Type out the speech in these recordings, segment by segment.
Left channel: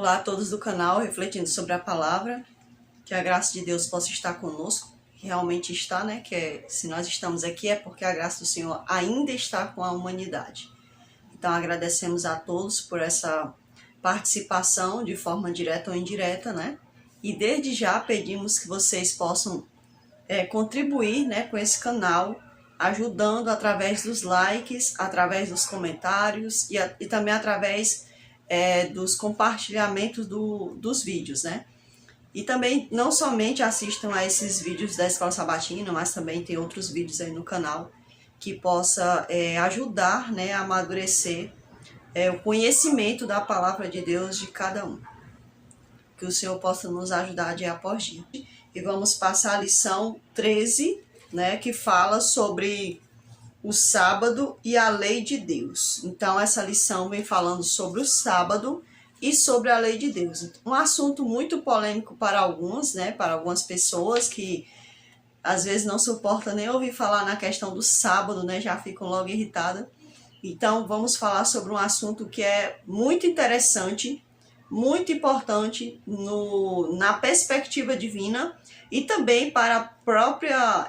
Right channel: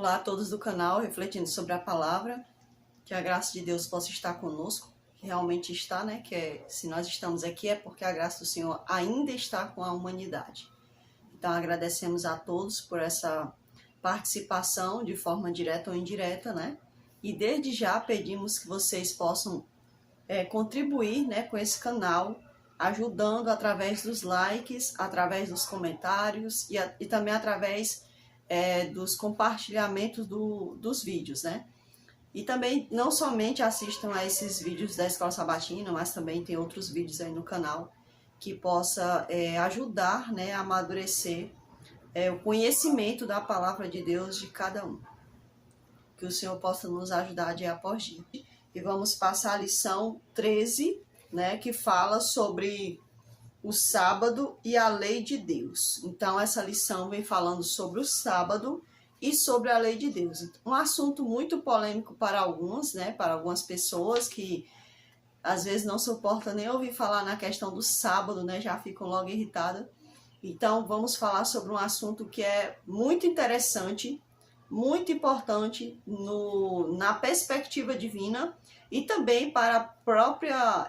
Olá a todos do canal Refletindo sobre a Palavra, que a graça de Deus possa estar conosco, realmente está, né? Se nós estamos aqui é porque a graça do Senhor ainda está com a humanidade. Então agradecemos a todos por essa participação de forma direta ou indireta, né? E desde já pedimos que vocês possam contribuir, né, com esse canal, ajudando através dos likes, através dos comentários e também através dos compartilhamentos dos vídeos, né? E também não somente assistam a esses vídeos da Escola Sabatina, mas também tem outros vídeos aí no canal que possa ajudar, né, a amadurecer o conhecimento da Palavra de Deus de cada um. Que o Senhor possa nos ajudar dia após dia. E vamos passar a lição 13, né, que fala sobre o sábado e a lei de Deus. Então, essa lição vem falando sobre o sábado e sobre a lei de Deus. Um assunto muito polêmico para alguns, né, para algumas pessoas que às vezes não suportam nem ouvir falar na questão do sábado, né, já ficam logo irritadas. Então, vamos falar sobre um assunto que é muito interessante, muito importante na perspectiva divina e também para a própria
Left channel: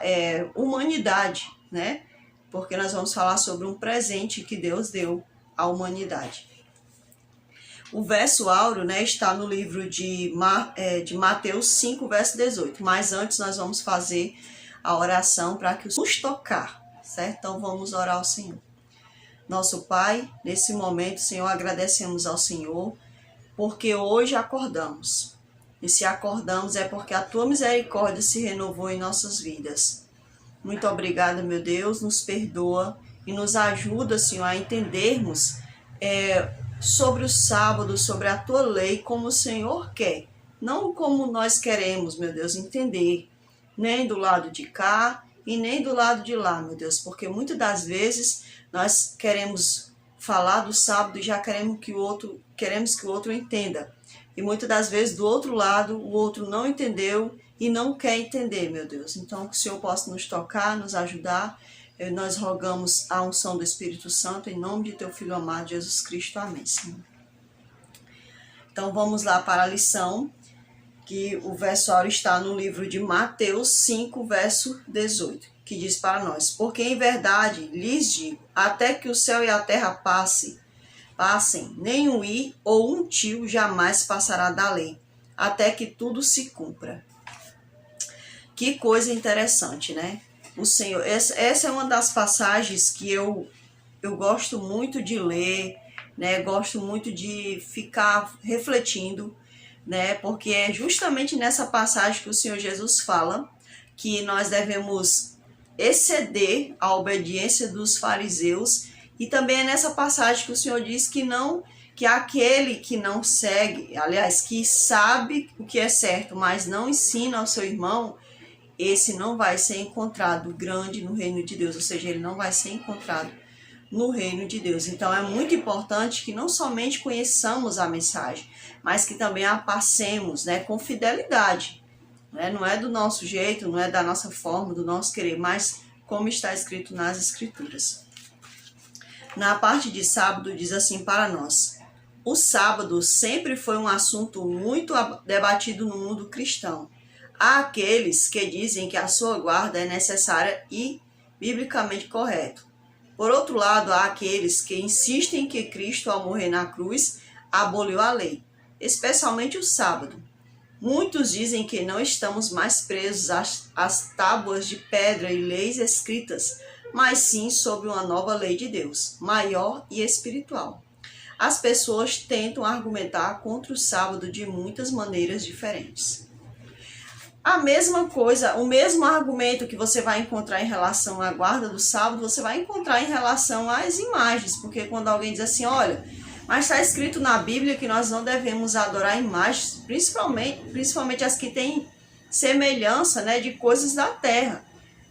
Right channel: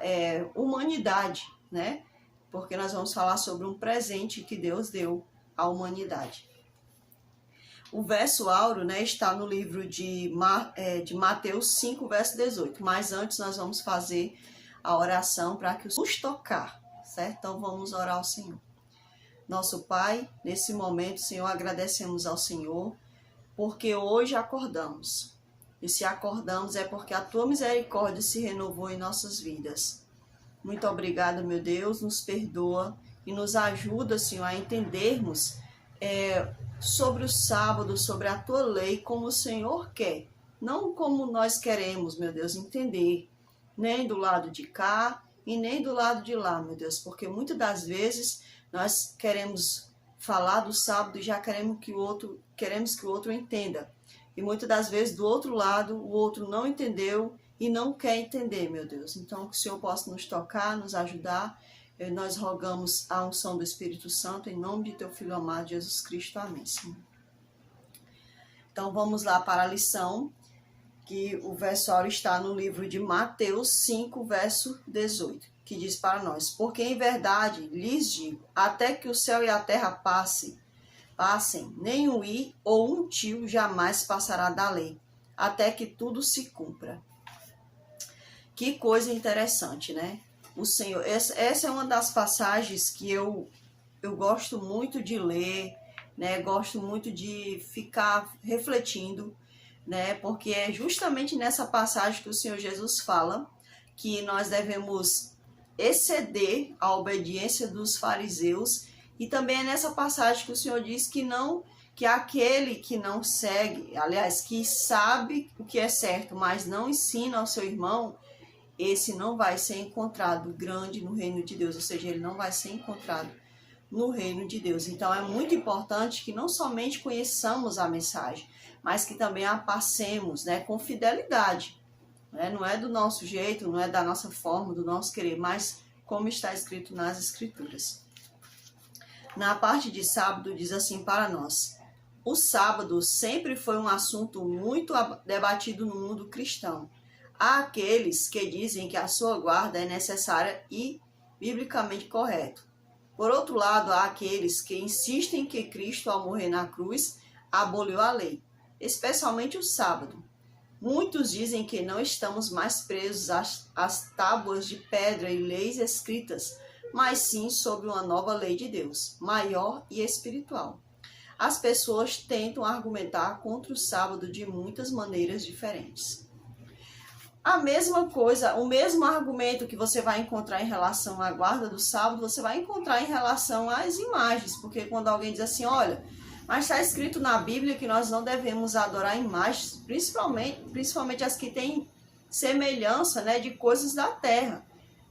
humanidade, né? Porque nós vamos falar sobre um presente que Deus deu à humanidade. O verso áureo, né, está no livro de Mateus 5, verso 18. Mas antes nós vamos fazer a oração para que nos tocar, certo? Então vamos orar ao Senhor. Nosso Pai, nesse momento, Senhor, agradecemos ao Senhor, porque hoje acordamos. E se acordamos é porque a Tua misericórdia se renovou em nossas vidas. Muito obrigada, meu Deus, nos perdoa e nos ajuda, Senhor, a entendermos sobre o sábado, sobre a Tua lei, como o Senhor quer. Não como nós queremos, meu Deus, entender, nem do lado de cá e nem do lado de lá, meu Deus, porque muitas das vezes nós queremos falar do sábado e já queremos que o outro entenda. E muitas das vezes do outro lado o outro não entendeu e não quer entender, meu Deus. Então que o Senhor possa nos tocar, nos ajudar. Nós rogamos a unção do Espírito Santo em nome de Teu Filho amado Jesus Cristo. Amém, Senhor. Então vamos lá para a lição, que o verso áureo está no livro de Mateus 5, verso 18, que diz para nós: porque em verdade lhes digo, até que o céu e a terra passem, nem um i ou um tio jamais passará da lei, até que tudo se cumpra. Que coisa interessante, né? O Senhor, essa é uma das passagens que eu gosto muito de ler, né? Gosto muito de ficar refletindo, né? Porque é justamente nessa passagem que o Senhor Jesus fala que nós devemos exceder a obediência dos fariseus, e também é nessa passagem que o Senhor diz que aquele que não segue, aliás, que sabe o que é certo, mas não ensina ao seu irmão, esse não vai ser encontrado grande no reino de Deus, ou seja, ele não vai ser encontrado no reino de Deus. Então é muito importante que não somente conheçamos a mensagem, mas que também a passemos, né, com fidelidade. Né? Não é do nosso jeito, não é da nossa forma, do nosso querer, mas como está escrito nas Escrituras. Na parte de sábado diz assim para nós: o sábado sempre foi um assunto muito debatido no mundo cristão. Há aqueles que dizem que a sua guarda é necessária e biblicamente correto. Por outro lado, há aqueles que insistem que Cristo, ao morrer na cruz, aboliu a lei, especialmente o sábado. Muitos dizem que não estamos mais presos às tábuas de pedra e leis escritas, mas sim sob uma nova lei de Deus, maior e espiritual. As pessoas tentam argumentar contra o sábado de muitas maneiras diferentes. A mesma coisa, o mesmo argumento que você vai encontrar em relação à guarda do sábado, você vai encontrar em relação às imagens, porque quando alguém diz assim, olha, mas está escrito na Bíblia que nós não devemos adorar imagens, principalmente as que têm semelhança, né, de coisas da terra.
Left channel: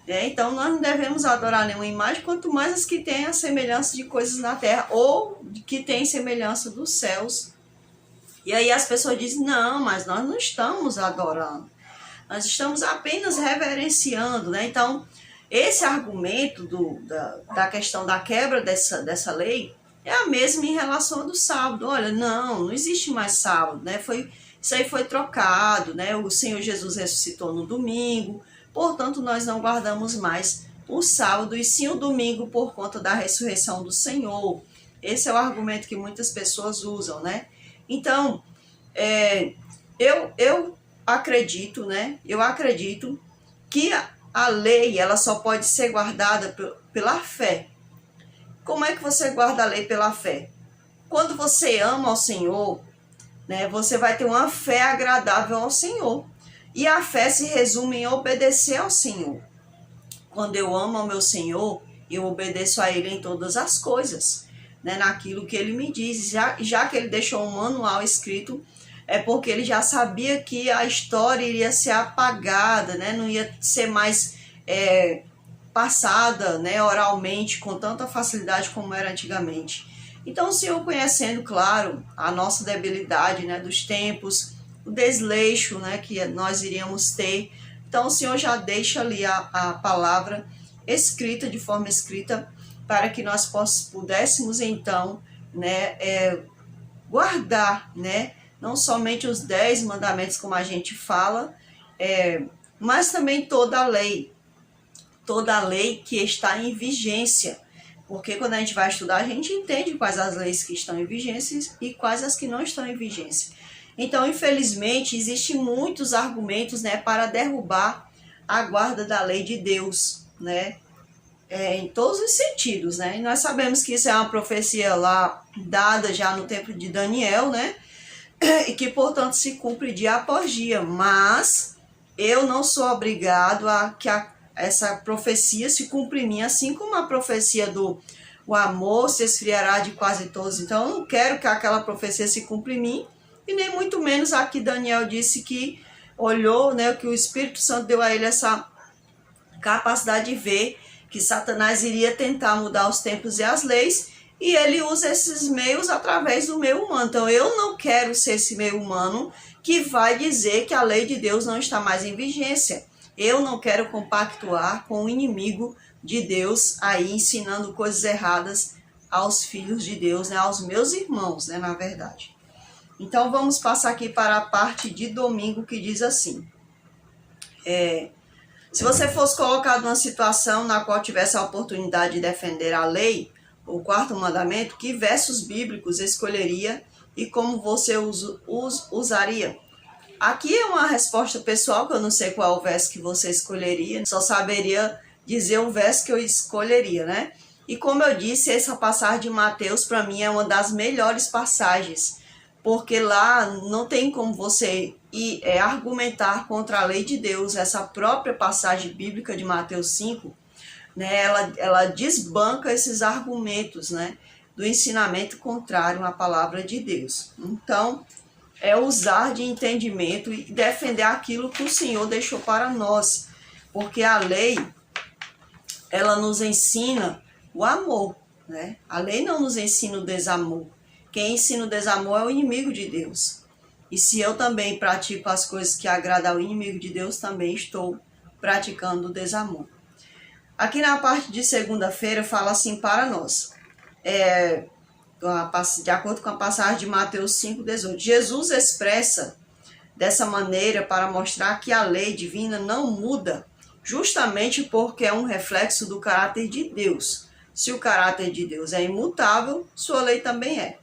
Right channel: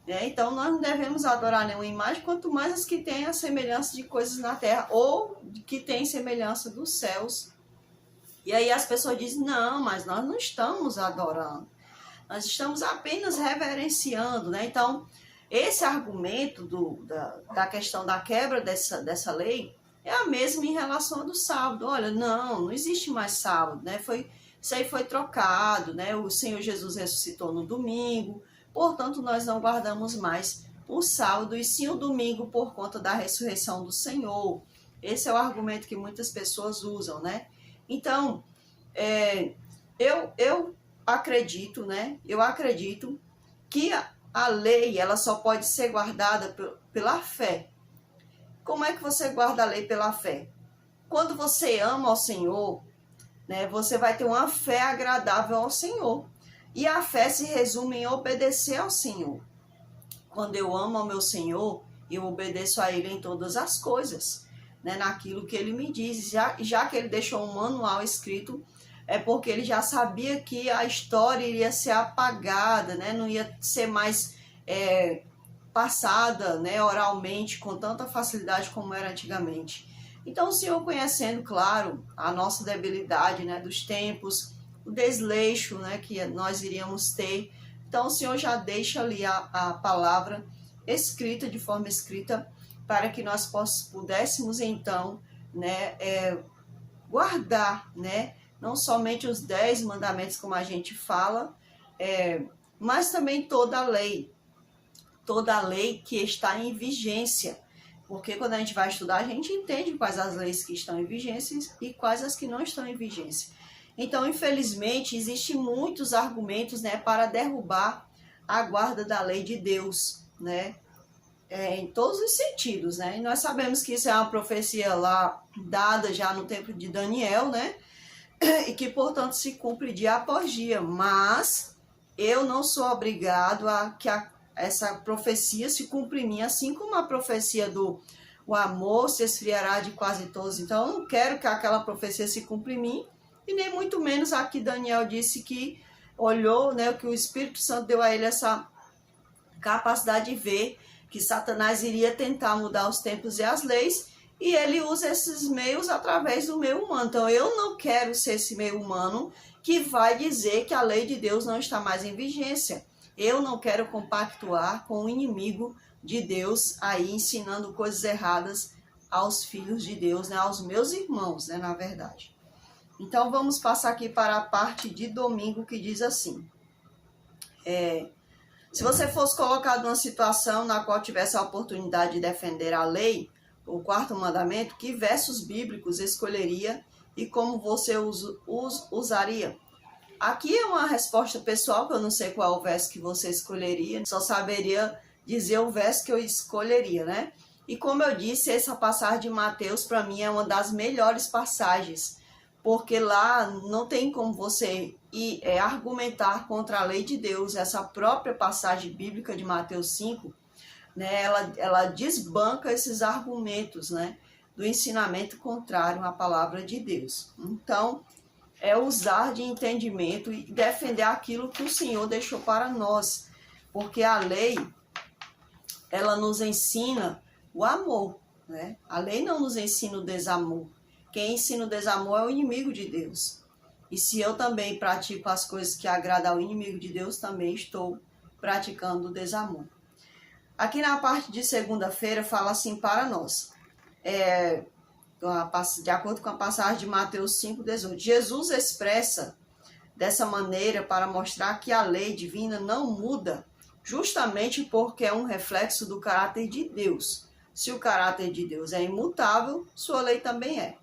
Então nós não devemos adorar nenhuma imagem, quanto mais as que têm a semelhança de coisas na terra, ou que têm semelhança dos céus. E aí as pessoas dizem, não, mas nós não estamos adorando. Nós estamos apenas reverenciando, né? Então, esse argumento da questão da quebra dessa lei é a mesma em relação ao do sábado. Olha, não existe mais sábado, né? Isso aí foi trocado, né? O Senhor Jesus ressuscitou no domingo, portanto nós não guardamos mais o sábado e sim o domingo por conta da ressurreição do Senhor. Esse é o argumento que muitas pessoas usam, né? Então, eu acredito, né? Eu acredito que a lei, ela só pode ser guardada pela fé. Como é que você guarda a lei pela fé? Quando você ama ao Senhor, né, você vai ter uma fé agradável ao Senhor. E a fé se resume em obedecer ao Senhor. Quando eu amo ao meu Senhor, eu obedeço a Ele em todas as coisas, né, naquilo que Ele me diz. Já que Ele deixou um manual escrito, é porque Ele já sabia que a história iria ser apagada, né, não ia ser mais passada, né, oralmente com tanta facilidade como era antigamente. Então o Senhor, conhecendo, claro, a nossa debilidade, né, dos tempos, o desleixo, né, que nós iríamos ter, então o Senhor já deixa ali a palavra escrita, de forma escrita, para que nós pudéssemos então, né, guardar, né, não somente os 10 mandamentos como a gente fala, mas também toda a lei que está em vigência. Porque quando a gente vai estudar, a gente entende quais as leis que estão em vigência e quais as que não estão em vigência. Então, infelizmente, existem muitos argumentos, né, para derrubar a guarda da lei de Deus, né, em todos os sentidos, né. E nós sabemos que isso é uma profecia lá dada já no tempo de Daniel, né, e que, portanto, se cumpre dia após dia. Mas eu não sou obrigado a que essa profecia se cumpre em mim, assim como a profecia do o amor se esfriará de quase todos. Então, eu não quero que aquela profecia se cumpra em mim, e nem muito menos a que Daniel disse que olhou, né, que o Espírito Santo deu a ele essa capacidade de ver que Satanás iria tentar mudar os tempos e as leis, e ele usa esses meios através do meio humano. Então, eu não quero ser esse meio humano que vai dizer que a lei de Deus não está mais em vigência. Eu não quero compactuar com o inimigo de Deus aí ensinando coisas erradas aos filhos de Deus, né, aos meus irmãos, né, na verdade. Então vamos passar aqui para a parte de domingo, que diz assim: se você fosse colocado numa situação na qual tivesse a oportunidade de defender a lei, o quarto mandamento, que versos bíblicos escolheria e como você os usaria? Aqui é uma resposta pessoal, que eu não sei qual é o verso que você escolheria, só saberia dizer o verso que eu escolheria, né? E como eu disse, essa passagem de Mateus, para mim, é uma das melhores passagens, porque lá não tem como você argumentar contra a lei de Deus. Essa própria passagem bíblica de Mateus 5, né, ela desbanca esses argumentos, né, do ensinamento contrário à palavra de Deus. Então, é usar de entendimento e defender aquilo que o Senhor deixou para nós. Porque a lei, ela nos ensina o amor, né? A lei não nos ensina o desamor. Quem ensina o desamor é o inimigo de Deus. E se eu também pratico as coisas que agradam ao inimigo de Deus, também estou praticando o desamor. Aqui na parte de segunda-feira fala assim para nós. De acordo com a passagem de Mateus 5,18, Jesus expressa dessa maneira para mostrar que a lei divina não muda, justamente porque é um reflexo do caráter de Deus. Se o caráter de Deus é imutável, sua lei também é.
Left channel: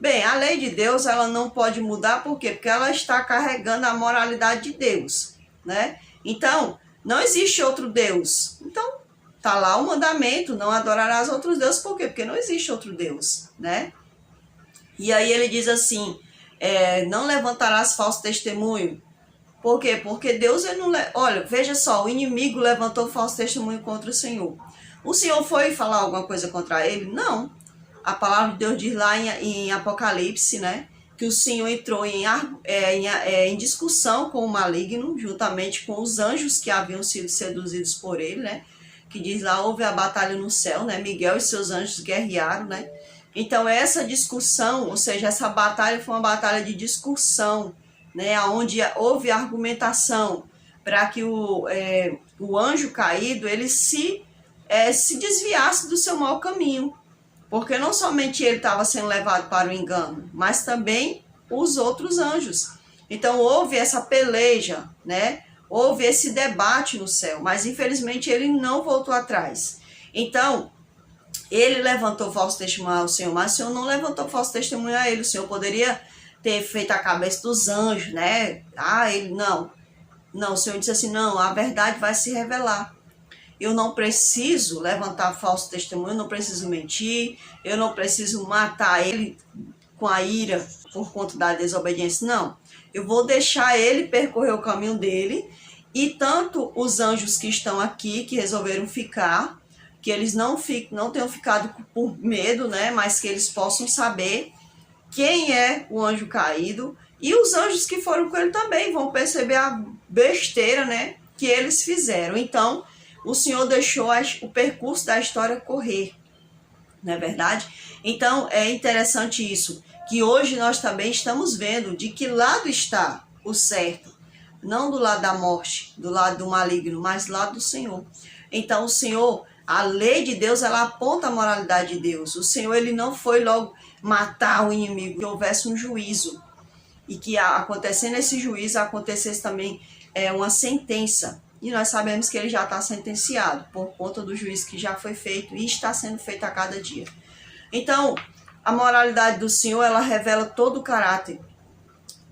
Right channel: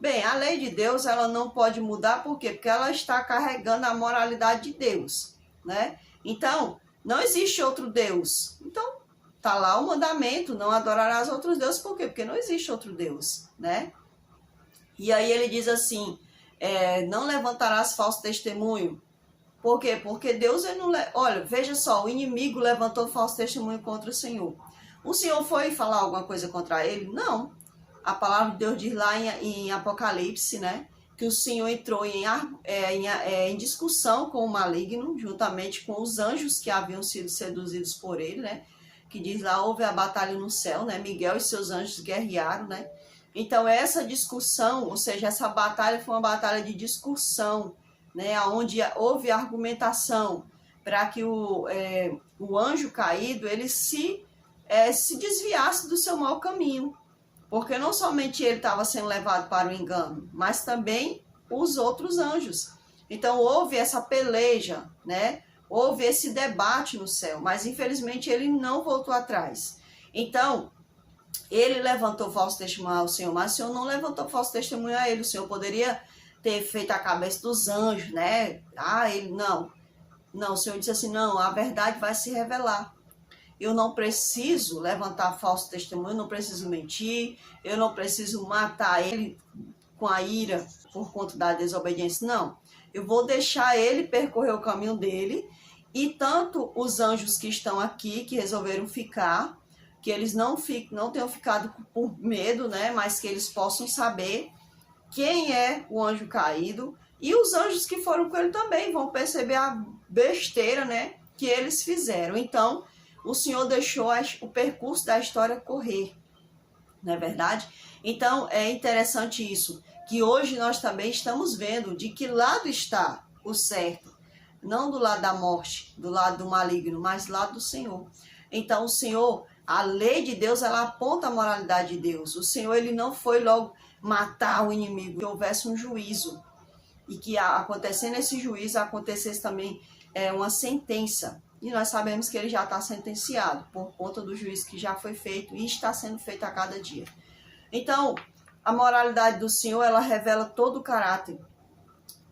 Bem, a lei de Deus, ela não pode mudar, por quê? Porque ela está carregando a moralidade de Deus, né? Então, não existe outro Deus. Então, tá lá o mandamento, não adorarás outros deuses. Por quê? Porque não existe outro Deus, né? E aí ele diz assim, não levantarás falso testemunho. Por quê? Porque Deus, ele não... Olha, veja só, o inimigo levantou falso testemunho contra o Senhor. O Senhor foi falar alguma coisa contra ele? Não. A palavra de Deus diz lá em Apocalipse, né, que o Senhor entrou em discussão com o maligno, juntamente com os anjos que haviam sido seduzidos por ele, né, que diz lá, houve a batalha no céu, né, Miguel e seus anjos guerrearam, né. Então essa discussão, ou seja, essa batalha foi uma batalha de discussão, né, onde houve argumentação para que o anjo caído, ele se desviasse do seu mau caminho. Porque não somente ele estava sendo levado para o engano, mas também os outros anjos. Então houve essa peleja, né? Houve esse debate no céu, mas infelizmente ele não voltou atrás. Então, ele levantou falso testemunho ao Senhor, mas o Senhor não levantou falso testemunho a ele. O Senhor poderia ter feito a cabeça dos anjos, né? Ele não. Não, o Senhor disse assim, não, a verdade vai se revelar. Eu não preciso levantar falso testemunho, eu não preciso mentir, eu não preciso matar ele com a ira por conta da desobediência. Não, eu vou deixar ele percorrer o caminho dele, e tanto os anjos que estão aqui, que resolveram ficar, que eles não tenham ficado por medo, né? Mas que eles possam saber quem é o anjo caído, e os anjos que foram com ele também vão perceber a besteira, né, que eles fizeram. Então, o Senhor deixou o percurso da história correr, não é verdade? Então, é interessante isso, que hoje nós também estamos vendo de que lado está o certo, não do lado da morte, do lado do maligno, mas do lado do Senhor. Então, o Senhor, a lei de Deus, ela aponta a moralidade de Deus. O Senhor, ele não foi logo matar o inimigo, que houvesse um juízo, e que acontecendo esse juízo, acontecesse também uma sentença. E nós sabemos que ele já está sentenciado, por conta do juízo que já foi feito e está sendo feito a cada dia. Então, a moralidade do Senhor, ela revela todo o caráter.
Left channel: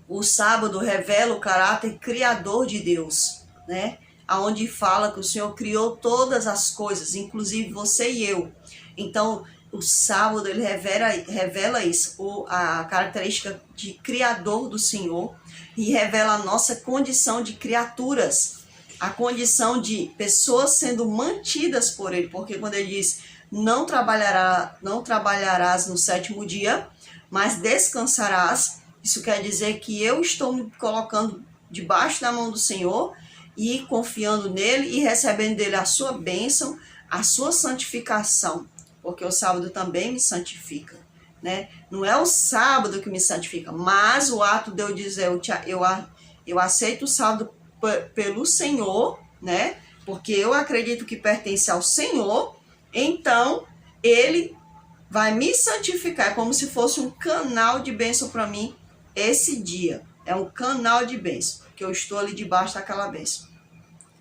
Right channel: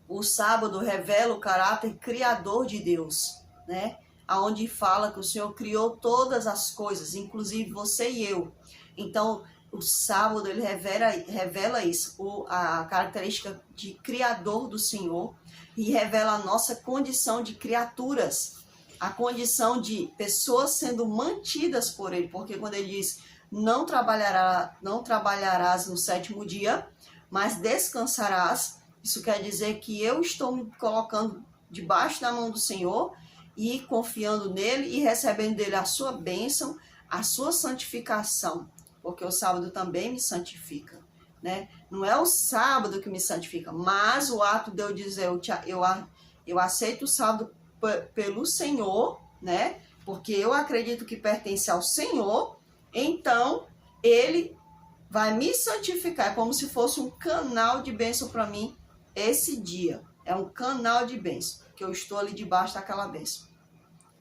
O sábado revela o caráter criador de Deus, né? Onde fala que o Senhor criou todas as coisas, inclusive você e eu. Então, o sábado, ele revela isso, a característica de criador do Senhor, e revela a nossa condição de criaturas, a condição de pessoas sendo mantidas por ele, porque quando ele diz, não trabalharás no sétimo dia, mas descansarás, isso quer dizer que eu estou me colocando debaixo da mão do Senhor, e confiando nele e recebendo dele a sua bênção, a sua santificação, porque o sábado também me santifica, né? Não é o sábado que me santifica, mas o ato de eu dizer, eu aceito o sábado pelo Senhor, né? Porque eu acredito que pertence ao Senhor, então ele vai me santificar, como se fosse um canal de bênção para mim esse dia. É um canal de bênção, que eu estou ali debaixo daquela bênção.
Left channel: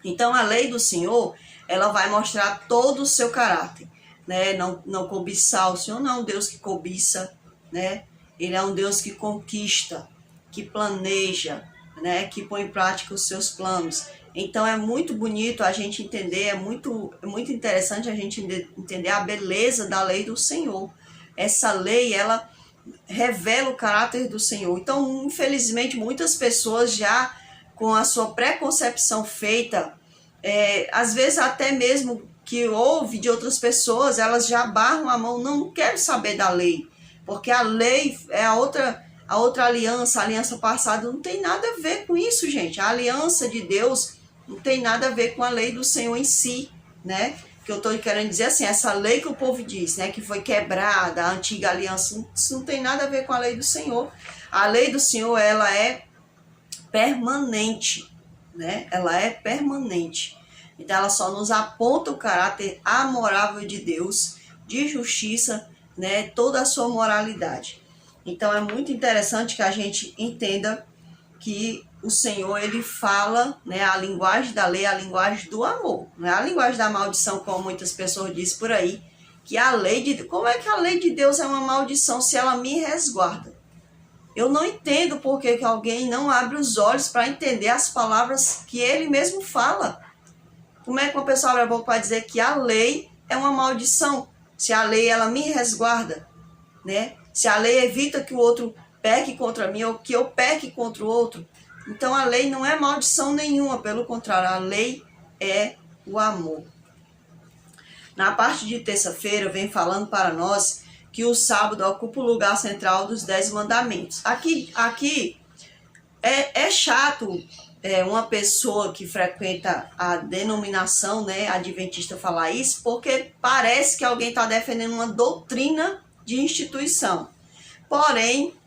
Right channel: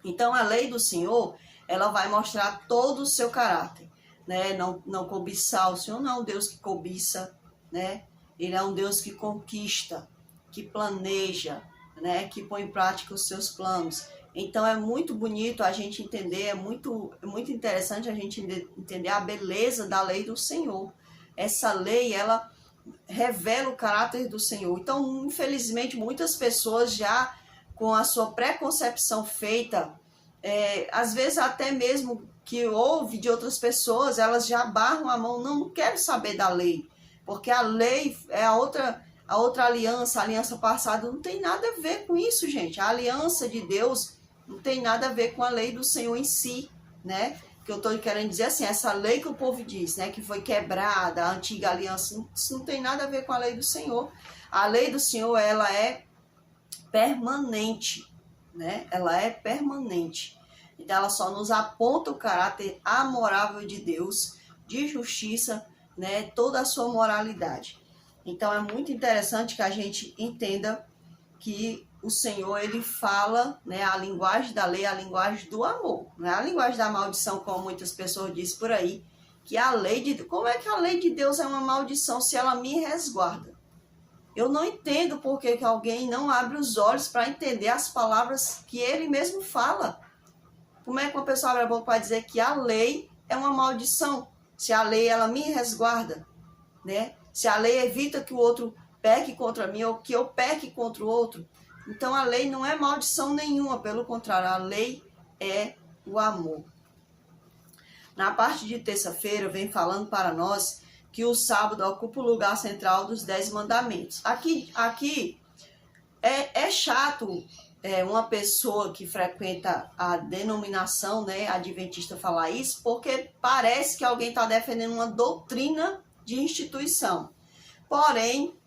Então a lei do Senhor, ela vai mostrar todo o seu caráter, né? Não cobiçar. O Senhor não é um Deus que cobiça, né? Ele é um Deus que conquista, que planeja, né? Que põe em prática os seus planos. Então é muito bonito a gente entender, é muito interessante a gente entender a beleza da lei do Senhor. Essa lei, ela revela o caráter do Senhor. Então, infelizmente, muitas pessoas já com a sua preconcepção feita, às vezes até mesmo que ouve de outras pessoas, elas já barram a mão, não quero saber da lei, porque a lei é a outra aliança, a aliança passada não tem nada a ver com isso, gente. A aliança de Deus não tem nada a ver com a lei do Senhor em si, né? Que eu estou querendo dizer assim, essa lei que o povo diz, né, que foi quebrada, a antiga aliança, isso não tem nada a ver com a lei do Senhor. A lei do Senhor, ela é permanente, né? Ela é permanente. Então, ela só nos aponta o caráter amorável de Deus, de justiça, né? Toda a sua moralidade. Então, é muito interessante que a gente entenda que o Senhor, ele fala, né, a linguagem da lei é a linguagem do amor, não é a linguagem da maldição, como muitas pessoas dizem por aí, que a lei de... Como é que a lei de Deus é uma maldição se ela me resguarda? Eu não entendo por que alguém não abre os olhos para entender as palavras que ele mesmo fala. Como é que uma pessoa abre a boca para dizer que a lei é uma maldição, se a lei ela me resguarda, né? Se a lei evita que o outro peque contra mim ou que eu peque contra o outro. Então a lei não é maldição nenhuma, pelo contrário, a lei é o amor. Na parte de terça-feira vem falando para nós que o sábado ocupa o lugar central dos 10 mandamentos. Aqui é chato uma pessoa que frequenta a denominação, né, adventista, falar isso, porque parece que alguém está defendendo uma doutrina de instituição. Porém,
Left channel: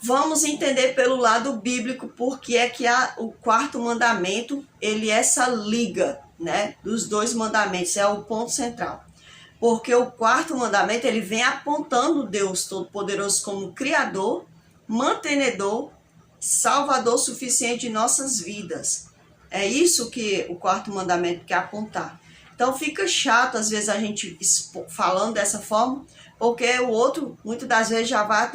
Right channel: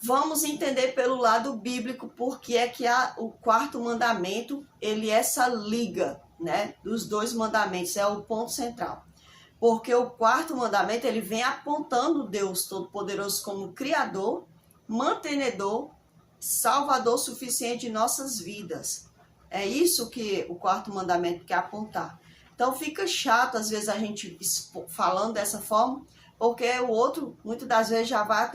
vamos entender pelo lado bíblico porque é que o quarto mandamento, ele é essa liga, né, dos dois mandamentos, é o ponto central. Porque o quarto mandamento, ele vem apontando Deus Todo-Poderoso como Criador, mantenedor, Salvador suficiente de nossas vidas. É isso que o quarto mandamento quer apontar. Então fica chato, às vezes, a gente falando dessa forma, porque o outro, muitas das vezes, já vai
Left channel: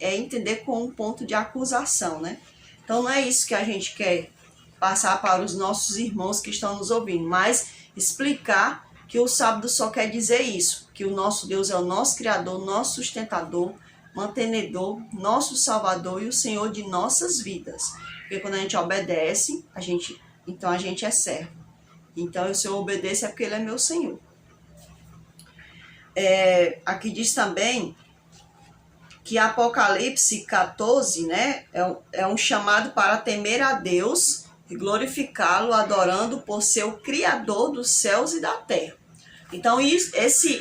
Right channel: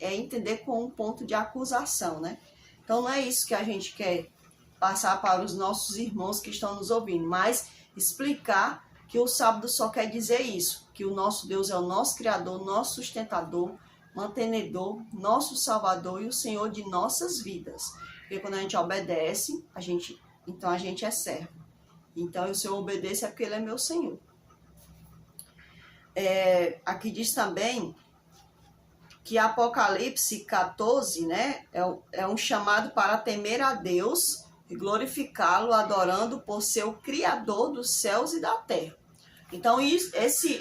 entender com um ponto de acusação, né? Então não é isso que a gente quer passar para os nossos irmãos que estão nos ouvindo, mas explicar que o sábado só quer dizer isso, que o nosso Deus é o nosso Criador, nosso sustentador, mantenedor, nosso Salvador e o Senhor de nossas vidas. Porque quando a gente obedece, então a gente é servo. Então, se eu obedeço é porque Ele é meu Senhor. Aqui diz também que Apocalipse 14, né, é um chamado para temer a Deus e glorificá-lo, adorando por ser o Criador dos céus e da terra. Então,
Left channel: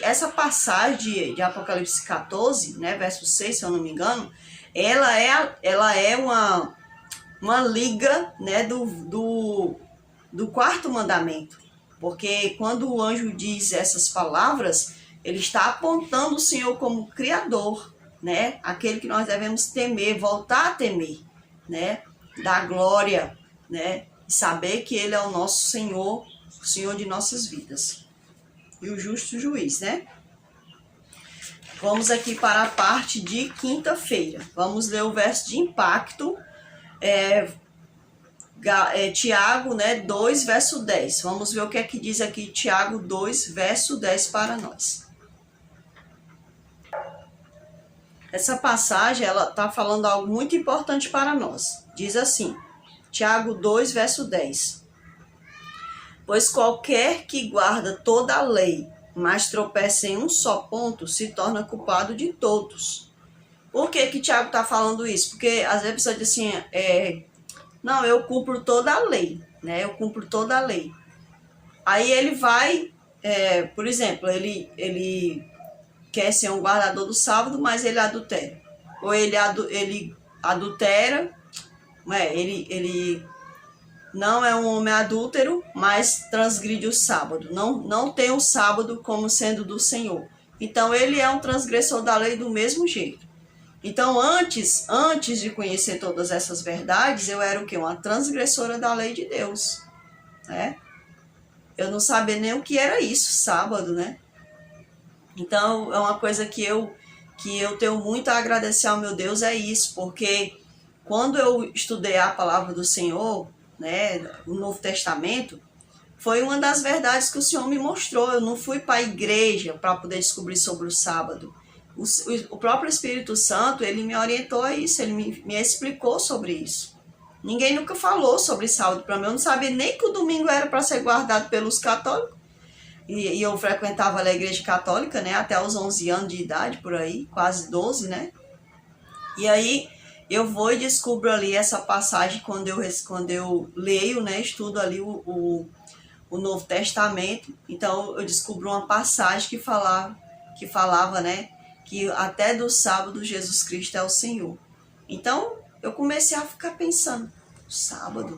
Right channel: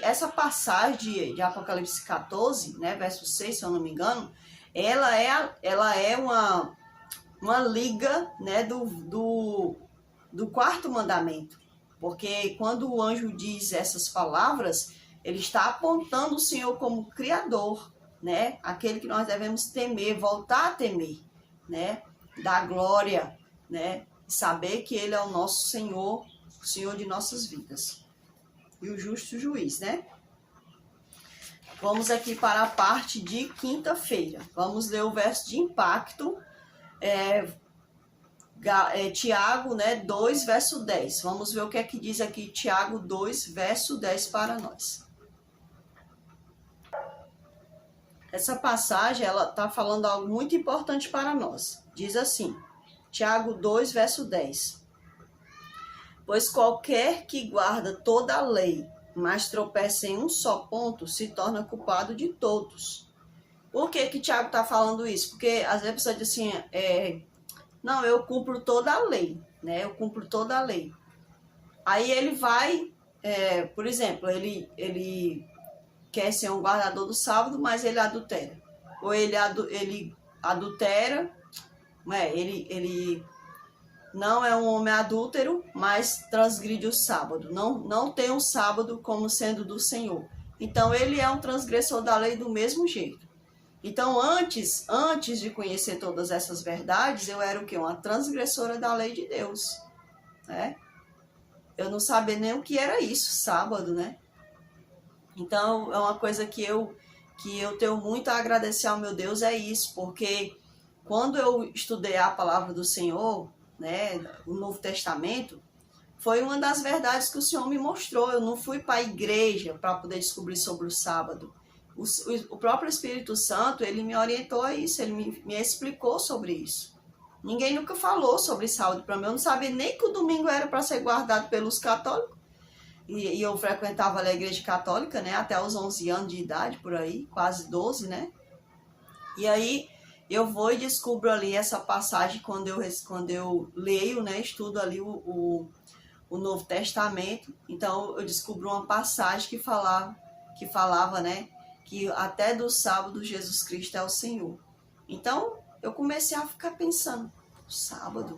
essa passagem de Apocalipse 14, né, verso 6, se eu não me engano, ela é uma liga, né, do quarto mandamento. Porque quando o anjo diz essas palavras, ele está apontando o Senhor como Criador, né, aquele que nós devemos temer, voltar a temer, né, dar glória, né, e saber que Ele é o nosso Senhor, o Senhor de nossas vidas. E o justo juiz, né? Vamos aqui para a parte de quinta-feira. Vamos ler o verso de impacto, Tiago, né, 2, verso 10. Vamos ver o que é que diz aqui Tiago 2, verso 10 para nós. Essa passagem, ela está falando algo muito importante para nós. Diz assim, Tiago 2, verso 10. Pois qualquer que guarda toda a lei, mas tropeça em um só ponto, se torna culpado de todos. Por que que Tiago está falando isso? Porque às vezes a pessoa diz assim, não, eu cumpro toda a lei, né? Eu cumpro toda a lei. Aí ele vai, por exemplo, ele quer ser um guardador do sábado, mas ele adultera. Ou ele adultera, ele não é um homem adúltero, mas transgride o sábado. Não tem o sábado como sendo do Senhor. Então, ele é um transgressor da lei do mesmo jeito. Então, antes de conhecer todas essas verdades, eu era o quê? Uma transgressora da lei de Deus, né? Eu não sabia nem o que era isso, sábado, né? Então, é uma coisa que eu tenho muito a agradecer ao meu Deus, é isso, porque quando eu estudei a palavra do Senhor, né, o Novo Testamento, foi uma das verdades que o Senhor me mostrou. Eu não fui para a igreja para poder descobrir sobre o sábado. O próprio Espírito Santo, ele me orientou a isso, ele me explicou sobre isso. Ninguém nunca falou sobre sábado para mim. Eu não sabia nem que o domingo era para ser guardado pelos católicos. E eu frequentava a igreja católica, né, até os 11 anos de idade, por aí, quase 12, né? E aí eu vou e descubro ali essa passagem quando eu leio, né, estudo ali o Novo Testamento. Então eu descubro uma passagem que falava, né, que até do sábado Jesus Cristo é o Senhor. Então eu comecei a ficar pensando, sábado.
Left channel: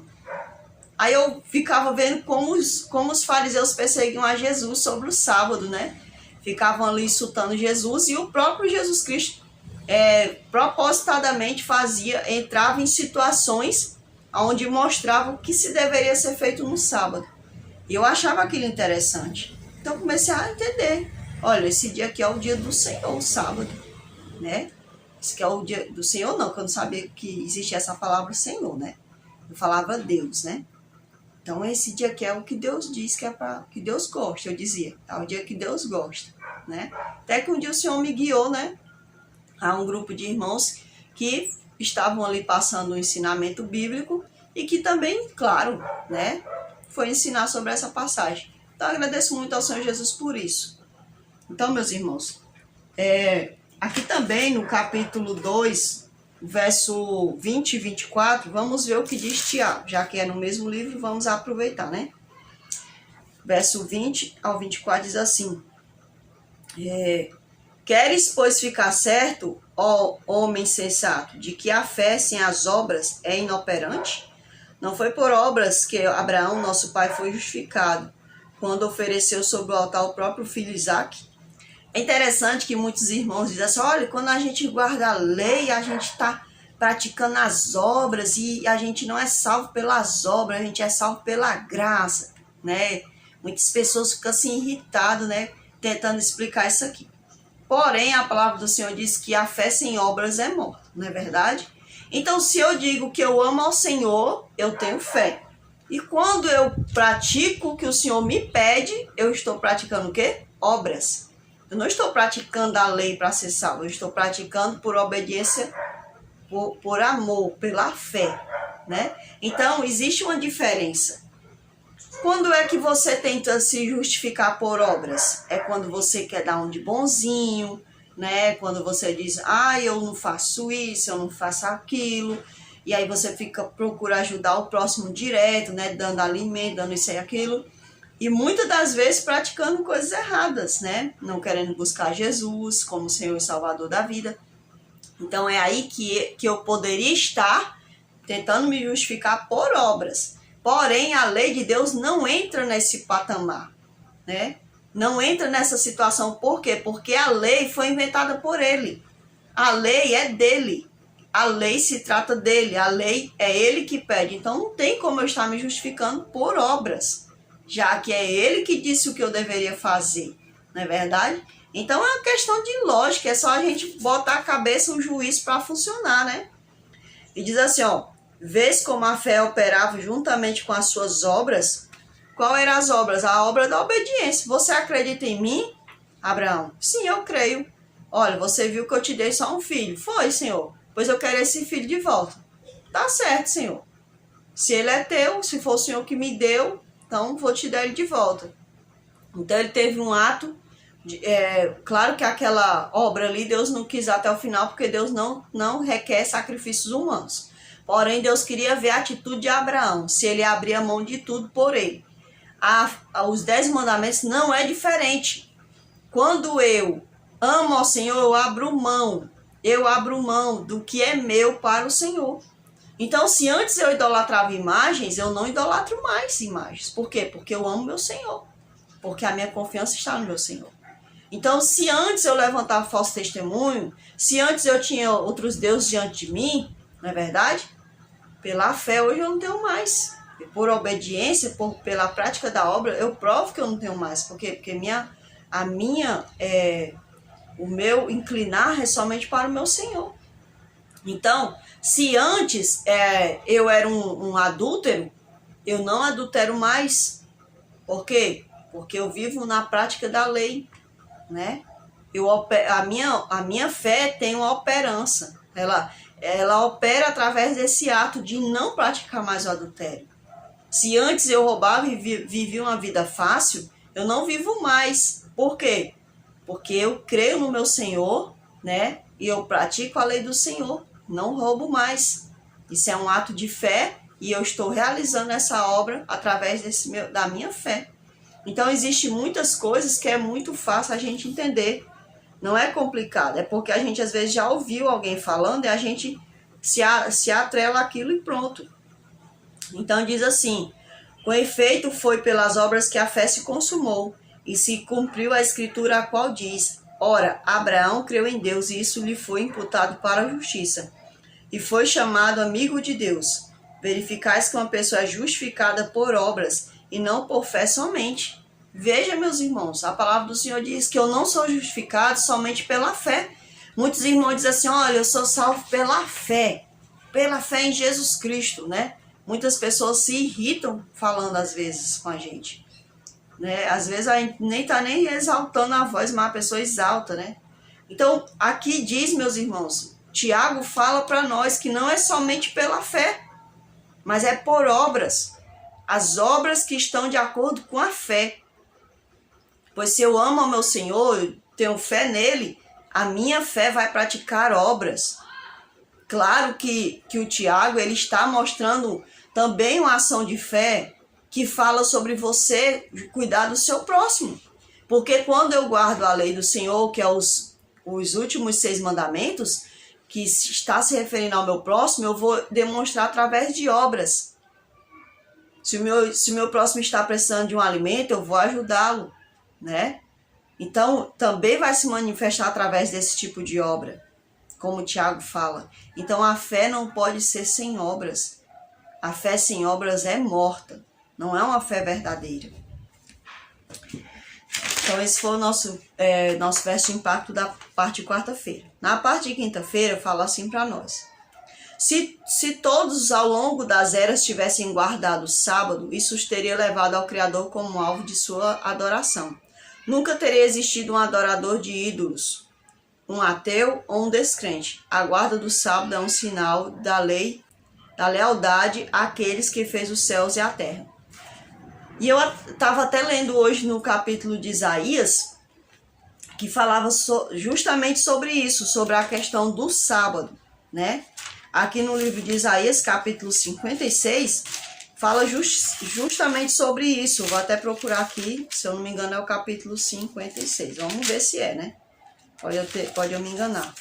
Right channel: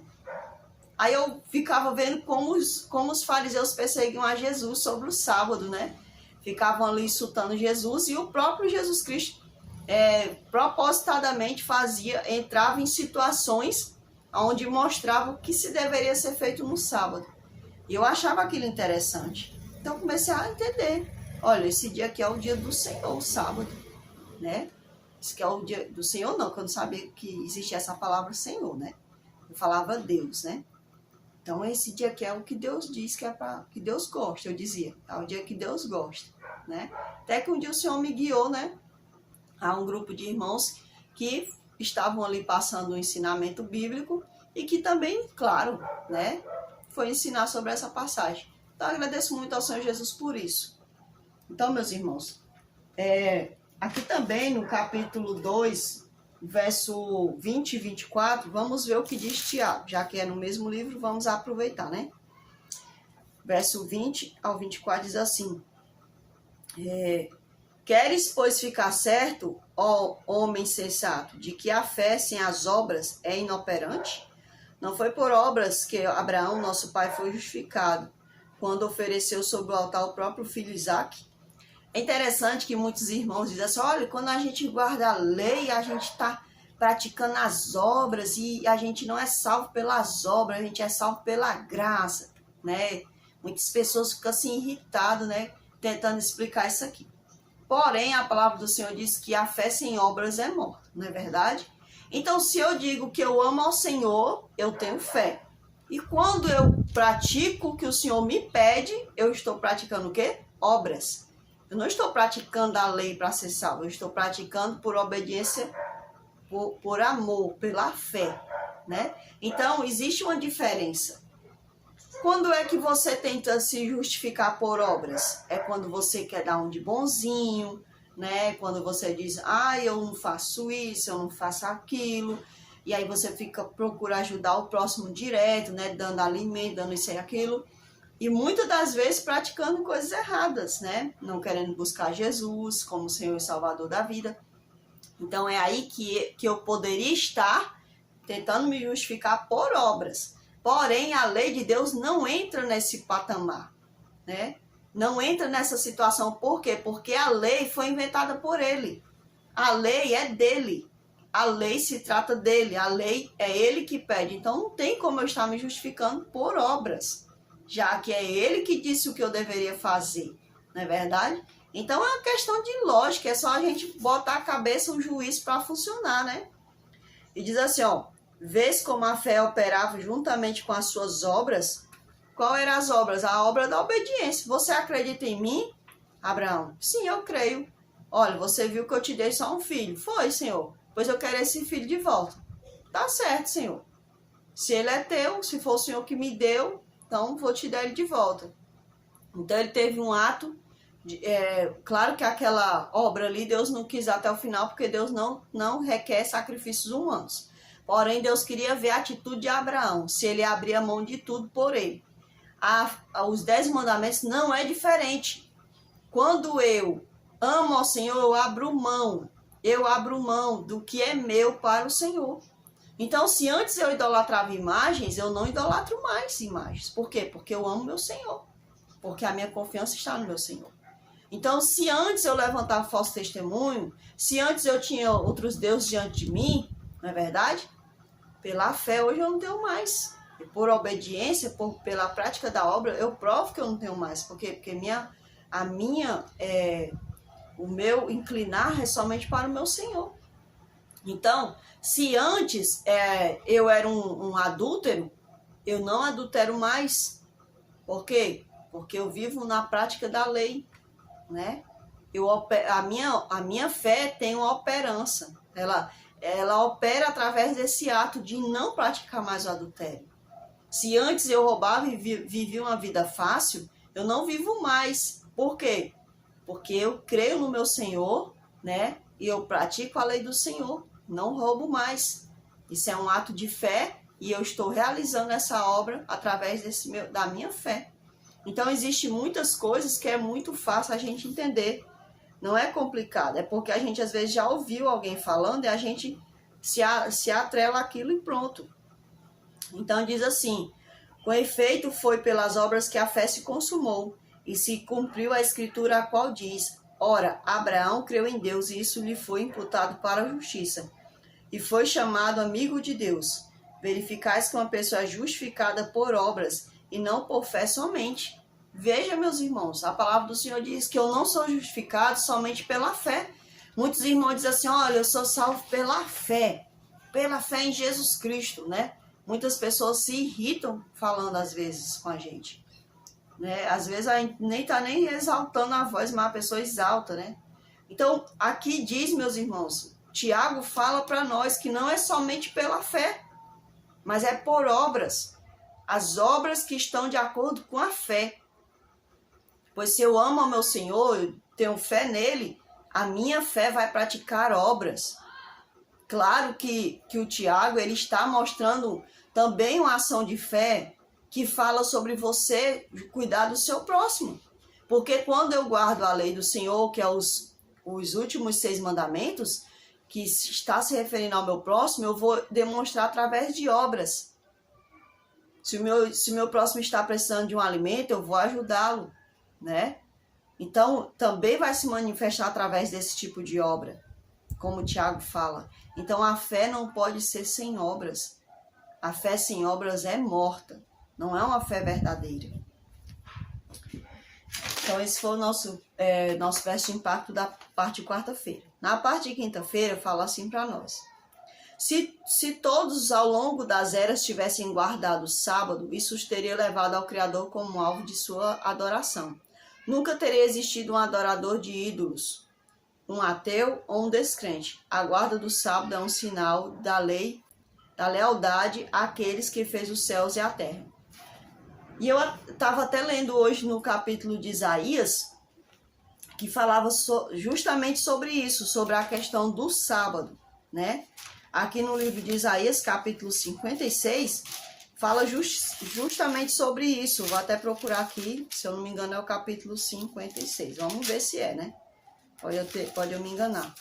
Aí eu ficava vendo como os fariseus perseguiam a Jesus sobre o sábado, né? Ficavam ali insultando Jesus, e o próprio Jesus Cristo propositadamente entrava em situações onde mostrava o que se deveria ser feito no sábado. E eu achava aquilo interessante. Então comecei a entender. Olha, esse dia aqui é o dia do Senhor, o sábado, né? Esse aqui é o dia do Senhor, não, que eu não sabia que existia essa palavra Senhor, né? Eu falava Deus, né? Então esse dia aqui é o que Deus diz que é para que Deus gosta, eu dizia. É o dia que Deus gosta, né? Até que um dia o Senhor me guiou, né, a um grupo de irmãos que estavam ali passando um ensinamento bíblico e que também, claro, né, foi ensinar sobre essa passagem. Então eu agradeço muito ao Senhor Jesus por isso. Então, meus irmãos, aqui também no capítulo 2, verso 20 e 24, vamos ver o que diz Tiago, já que é no mesmo livro, vamos aproveitar, né? Verso 20 ao 24 diz assim, queres, pois, ficar certo, ó homem sensato, de que a fé sem as obras é inoperante? Não foi por obras que Abraão, nosso pai, foi justificado, quando ofereceu sobre o altar o próprio filho Isaque. É interessante que muitos irmãos dizem assim, olha, quando a gente guarda a lei, a gente está praticando as obras e a gente não é salvo pelas obras, a gente é salvo pela graça, né? Muitas pessoas ficam assim irritadas, né? Tentando explicar isso aqui. Porém, a palavra do Senhor diz que a fé sem obras é morta, não é verdade? Então, se eu digo que eu amo ao Senhor, eu tenho fé. E quando eu pratico o que o Senhor me pede, eu estou praticando o quê? Obras. Eu não estou praticando a lei para ser salvo, eu estou praticando por obediência, por amor, pela fé, né? Então, existe uma diferença. Quando é que você tenta se justificar por obras? É quando você quer dar um de bonzinho, né? Quando você diz, eu não faço isso, eu não faço aquilo. E aí você procura ajudar o próximo direto, né? Dando alimento, dando isso e aquilo. E muitas das vezes praticando coisas erradas, né? Não querendo buscar Jesus como Senhor e Salvador da vida. Então é aí que eu poderia estar tentando me justificar por obras. Porém, a lei de Deus não entra nesse patamar, né? Não entra nessa situação. Por quê? Porque a lei foi inventada por ele. A lei é dele. A lei se trata dele. A lei é ele que pede. Então não tem como eu estar me justificando por obras, já que é ele que disse o que eu deveria fazer, não é verdade? Então é uma questão de lógica, é só a gente botar a cabeça, o juiz para funcionar, né? E diz assim, vês como a fé operava juntamente com as suas obras? Qual eram as obras? A obra da obediência. Você acredita em mim, Abraão? Sim, eu creio. Olha, você viu que eu te dei só um filho. Foi, Senhor. Pois eu quero esse filho de volta. Tá certo, Senhor. Se ele é teu, se for o Senhor que me deu, então vou te dar ele de volta. Então ele teve um ato, claro que aquela obra ali Deus não quis até o final, porque Deus não requer sacrifícios humanos. Porém, Deus queria ver a atitude de Abraão, se ele abria mão de tudo por ele. Os 10 mandamentos não é diferente. Quando eu amo ao Senhor, eu abro mão do que é meu para o Senhor. Então, se antes eu idolatrava imagens, eu não idolatro mais imagens. Por quê? Porque eu amo meu Senhor. Porque a minha confiança está no meu Senhor. Então, se antes eu levantava falso testemunho, se antes eu tinha outros deuses diante de mim, não é verdade? Pela fé, hoje eu não tenho mais. Por obediência, pela prática da obra, eu provo que eu não tenho mais. Por quê? Porque o meu inclinar é somente para o meu Senhor. Então, se antes eu era um adúltero, eu não adultero mais. Por quê? Porque eu vivo na prática da lei, né? A minha fé tem uma operança. Ela opera através desse ato de não praticar mais o adultério. Se antes eu roubava e vivia uma vida fácil, eu não vivo mais. Por quê? Porque eu creio no meu Senhor, né? E eu pratico a lei do Senhor. Não roubo mais. Isso é um ato de fé e eu estou realizando essa obra através da minha fé. Então, existem muitas coisas que é muito fácil a gente entender. Não é complicado, é porque a gente às vezes já ouviu alguém falando e a gente se atrela àquilo e pronto. Então diz assim, com efeito foi pelas obras que a fé se consumou e se cumpriu a escritura a qual diz, ora, Abraão creu em Deus e isso lhe foi imputado para a justiça e foi chamado amigo de Deus. Verificais que uma pessoa é justificada por obras e não por fé somente. Veja, meus irmãos, a palavra do Senhor diz que eu não sou justificado somente pela fé. Muitos irmãos dizem assim, olha, eu sou salvo pela fé em Jesus Cristo, né? Muitas pessoas se irritam falando às vezes com a gente, né? Às vezes a gente nem está nem exaltando a voz, mas a pessoa exalta, né? Então, aqui diz, meus irmãos, Tiago fala para nós que não é somente pela fé, mas é por obras. As obras que estão de acordo com a fé. Pois se eu amo ao meu Senhor, tenho fé nele, a minha fé vai praticar obras. Claro que o Tiago ele está mostrando também uma ação de fé que fala sobre você cuidar do seu próximo. Porque quando eu guardo a lei do Senhor, que é os últimos 6 mandamentos, que está se referindo ao meu próximo, eu vou demonstrar através de obras. Se o meu próximo está precisando de um alimento, eu vou ajudá-lo, né? Então, também vai se manifestar através desse tipo de obra, como o Tiago fala. Então, a fé não pode ser sem obras. A fé sem obras é morta, não é uma fé verdadeira. Então, esse foi o nosso verso de impacto da parte de quarta-feira. Na parte de quinta-feira, fala assim para nós. Se todos ao longo das eras tivessem guardado o sábado, isso os teria levado ao Criador como alvo de sua adoração. Nunca teria existido um adorador de ídolos, um ateu ou um descrente. A guarda do sábado é um sinal da lei, da lealdade àqueles que fez os céus e a terra. E eu estava até lendo hoje no capítulo de Isaías, que falava justamente sobre isso, sobre a questão do sábado, né? Aqui no livro de Isaías, capítulo 56, fala justamente sobre isso. Vou até procurar aqui, se eu não me engano é o capítulo 56. Vamos ver se é, né? Pode eu me enganar.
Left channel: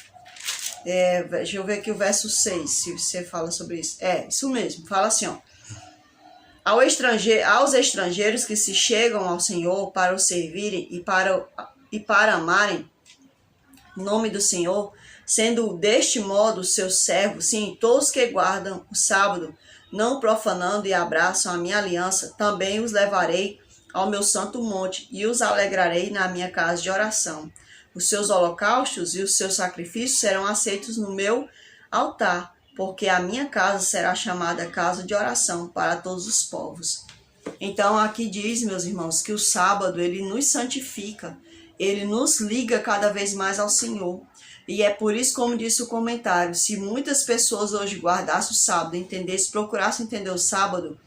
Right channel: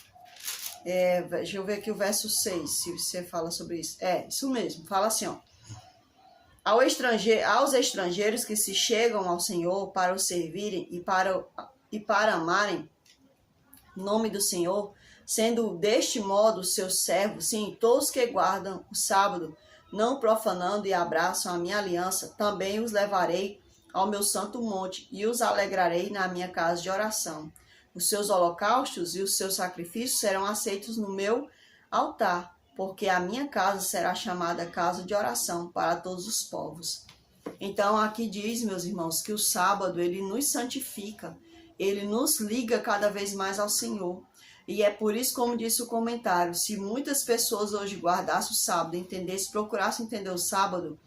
Deixa eu ver aqui o verso 6, se você fala sobre isso. É, isso mesmo, fala assim, ó. Aos estrangeiros que se chegam ao Senhor para o servirem e para amarem o nome do Senhor, sendo deste modo seus servos, sim, todos que guardam o sábado, não profanando e abraçam a minha aliança, também os levarei ao meu santo monte e os alegrarei na minha casa de oração. Os seus holocaustos e os seus sacrifícios serão aceitos no meu altar, porque a minha casa será chamada casa de oração para todos os povos. Então aqui diz, meus irmãos, que o sábado ele nos santifica, ele nos liga cada vez mais ao Senhor. E é por isso, como disse o comentário, se muitas pessoas hoje guardassem o sábado, procurassem entender o sábado,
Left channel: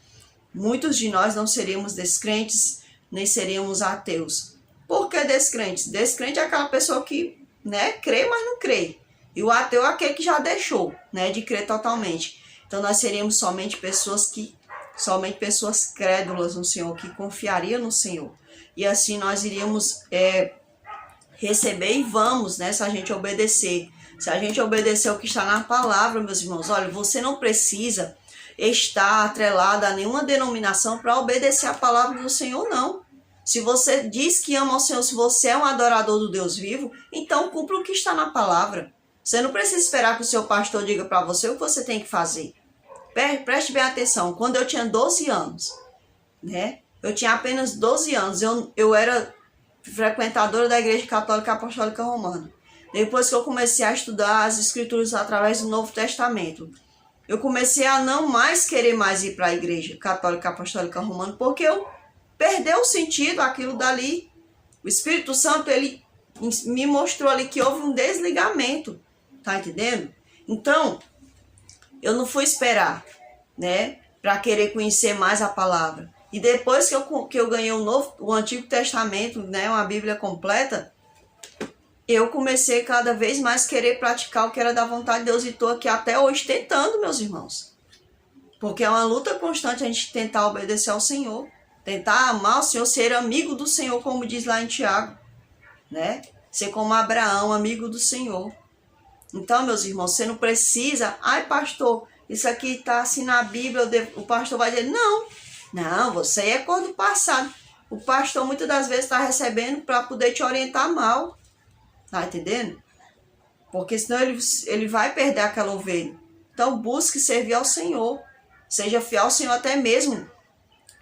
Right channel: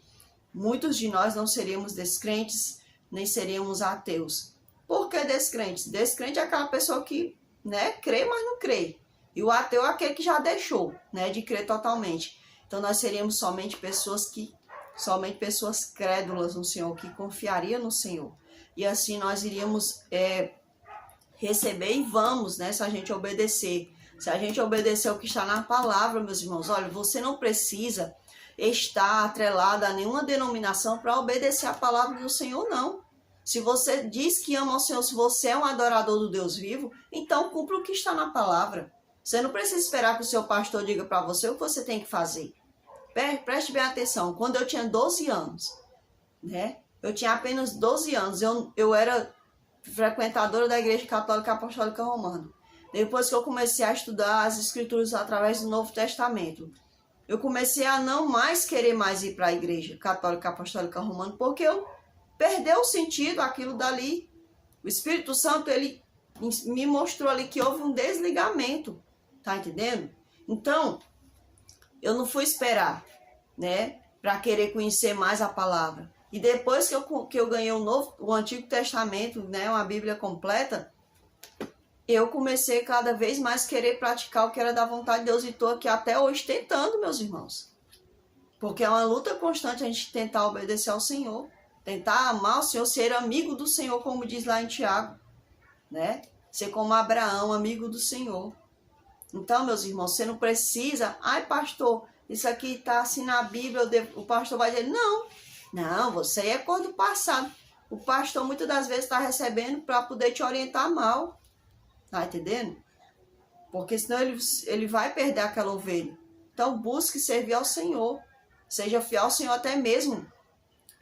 muitos de nós não seríamos descrentes, nem seríamos ateus. Por que descrentes? Descrente é aquela pessoa que, né, crê, mas não crê. E o ateu é aquele que já deixou, né, de crer totalmente. Então nós seríamos somente pessoas crédulas no Senhor, que confiariam no Senhor. E assim nós iríamos receber e vamos, né, se a gente obedecer. Se a gente obedecer o que está na palavra, meus irmãos, olha, você não precisa estar atrelado a nenhuma denominação para obedecer a palavra do Senhor, não. Se você diz que ama o Senhor, se você é um adorador do Deus vivo, então cumpra o que está na palavra. Você não precisa esperar que o seu pastor diga para você o que você tem que fazer. Preste bem atenção, quando eu tinha 12 anos, né? Eu tinha apenas 12 anos, eu era frequentadora da Igreja Católica Apostólica Romana. Depois que eu comecei a estudar as Escrituras através do Novo Testamento, eu comecei a não mais querer mais ir para a Igreja Católica Apostólica Romana, porque eu perdeu o sentido aquilo dali. O Espírito Santo, ele me mostrou ali que houve um desligamento, tá entendendo? Então, eu não fui esperar, né, para querer conhecer mais a palavra. E depois que eu ganhei o Antigo Testamento, né, uma Bíblia completa, eu comecei cada vez mais a querer praticar o que era da vontade de Deus. E estou aqui até hoje tentando, meus irmãos. Porque é uma luta constante a gente tentar obedecer ao Senhor. Tentar amar o Senhor, ser amigo do Senhor, como diz lá em Tiago, né? Ser como Abraão, amigo do Senhor. Então, meus irmãos, você não precisa... Ai, pastor, isso aqui está assim na Bíblia, o pastor vai dizer, não, você é cor do passado. O pastor muitas das vezes está recebendo para poder te orientar mal. Tá entendendo? Porque senão ele vai perder aquela ovelha. Então, busque servir ao Senhor. Seja fiel ao Senhor até mesmo.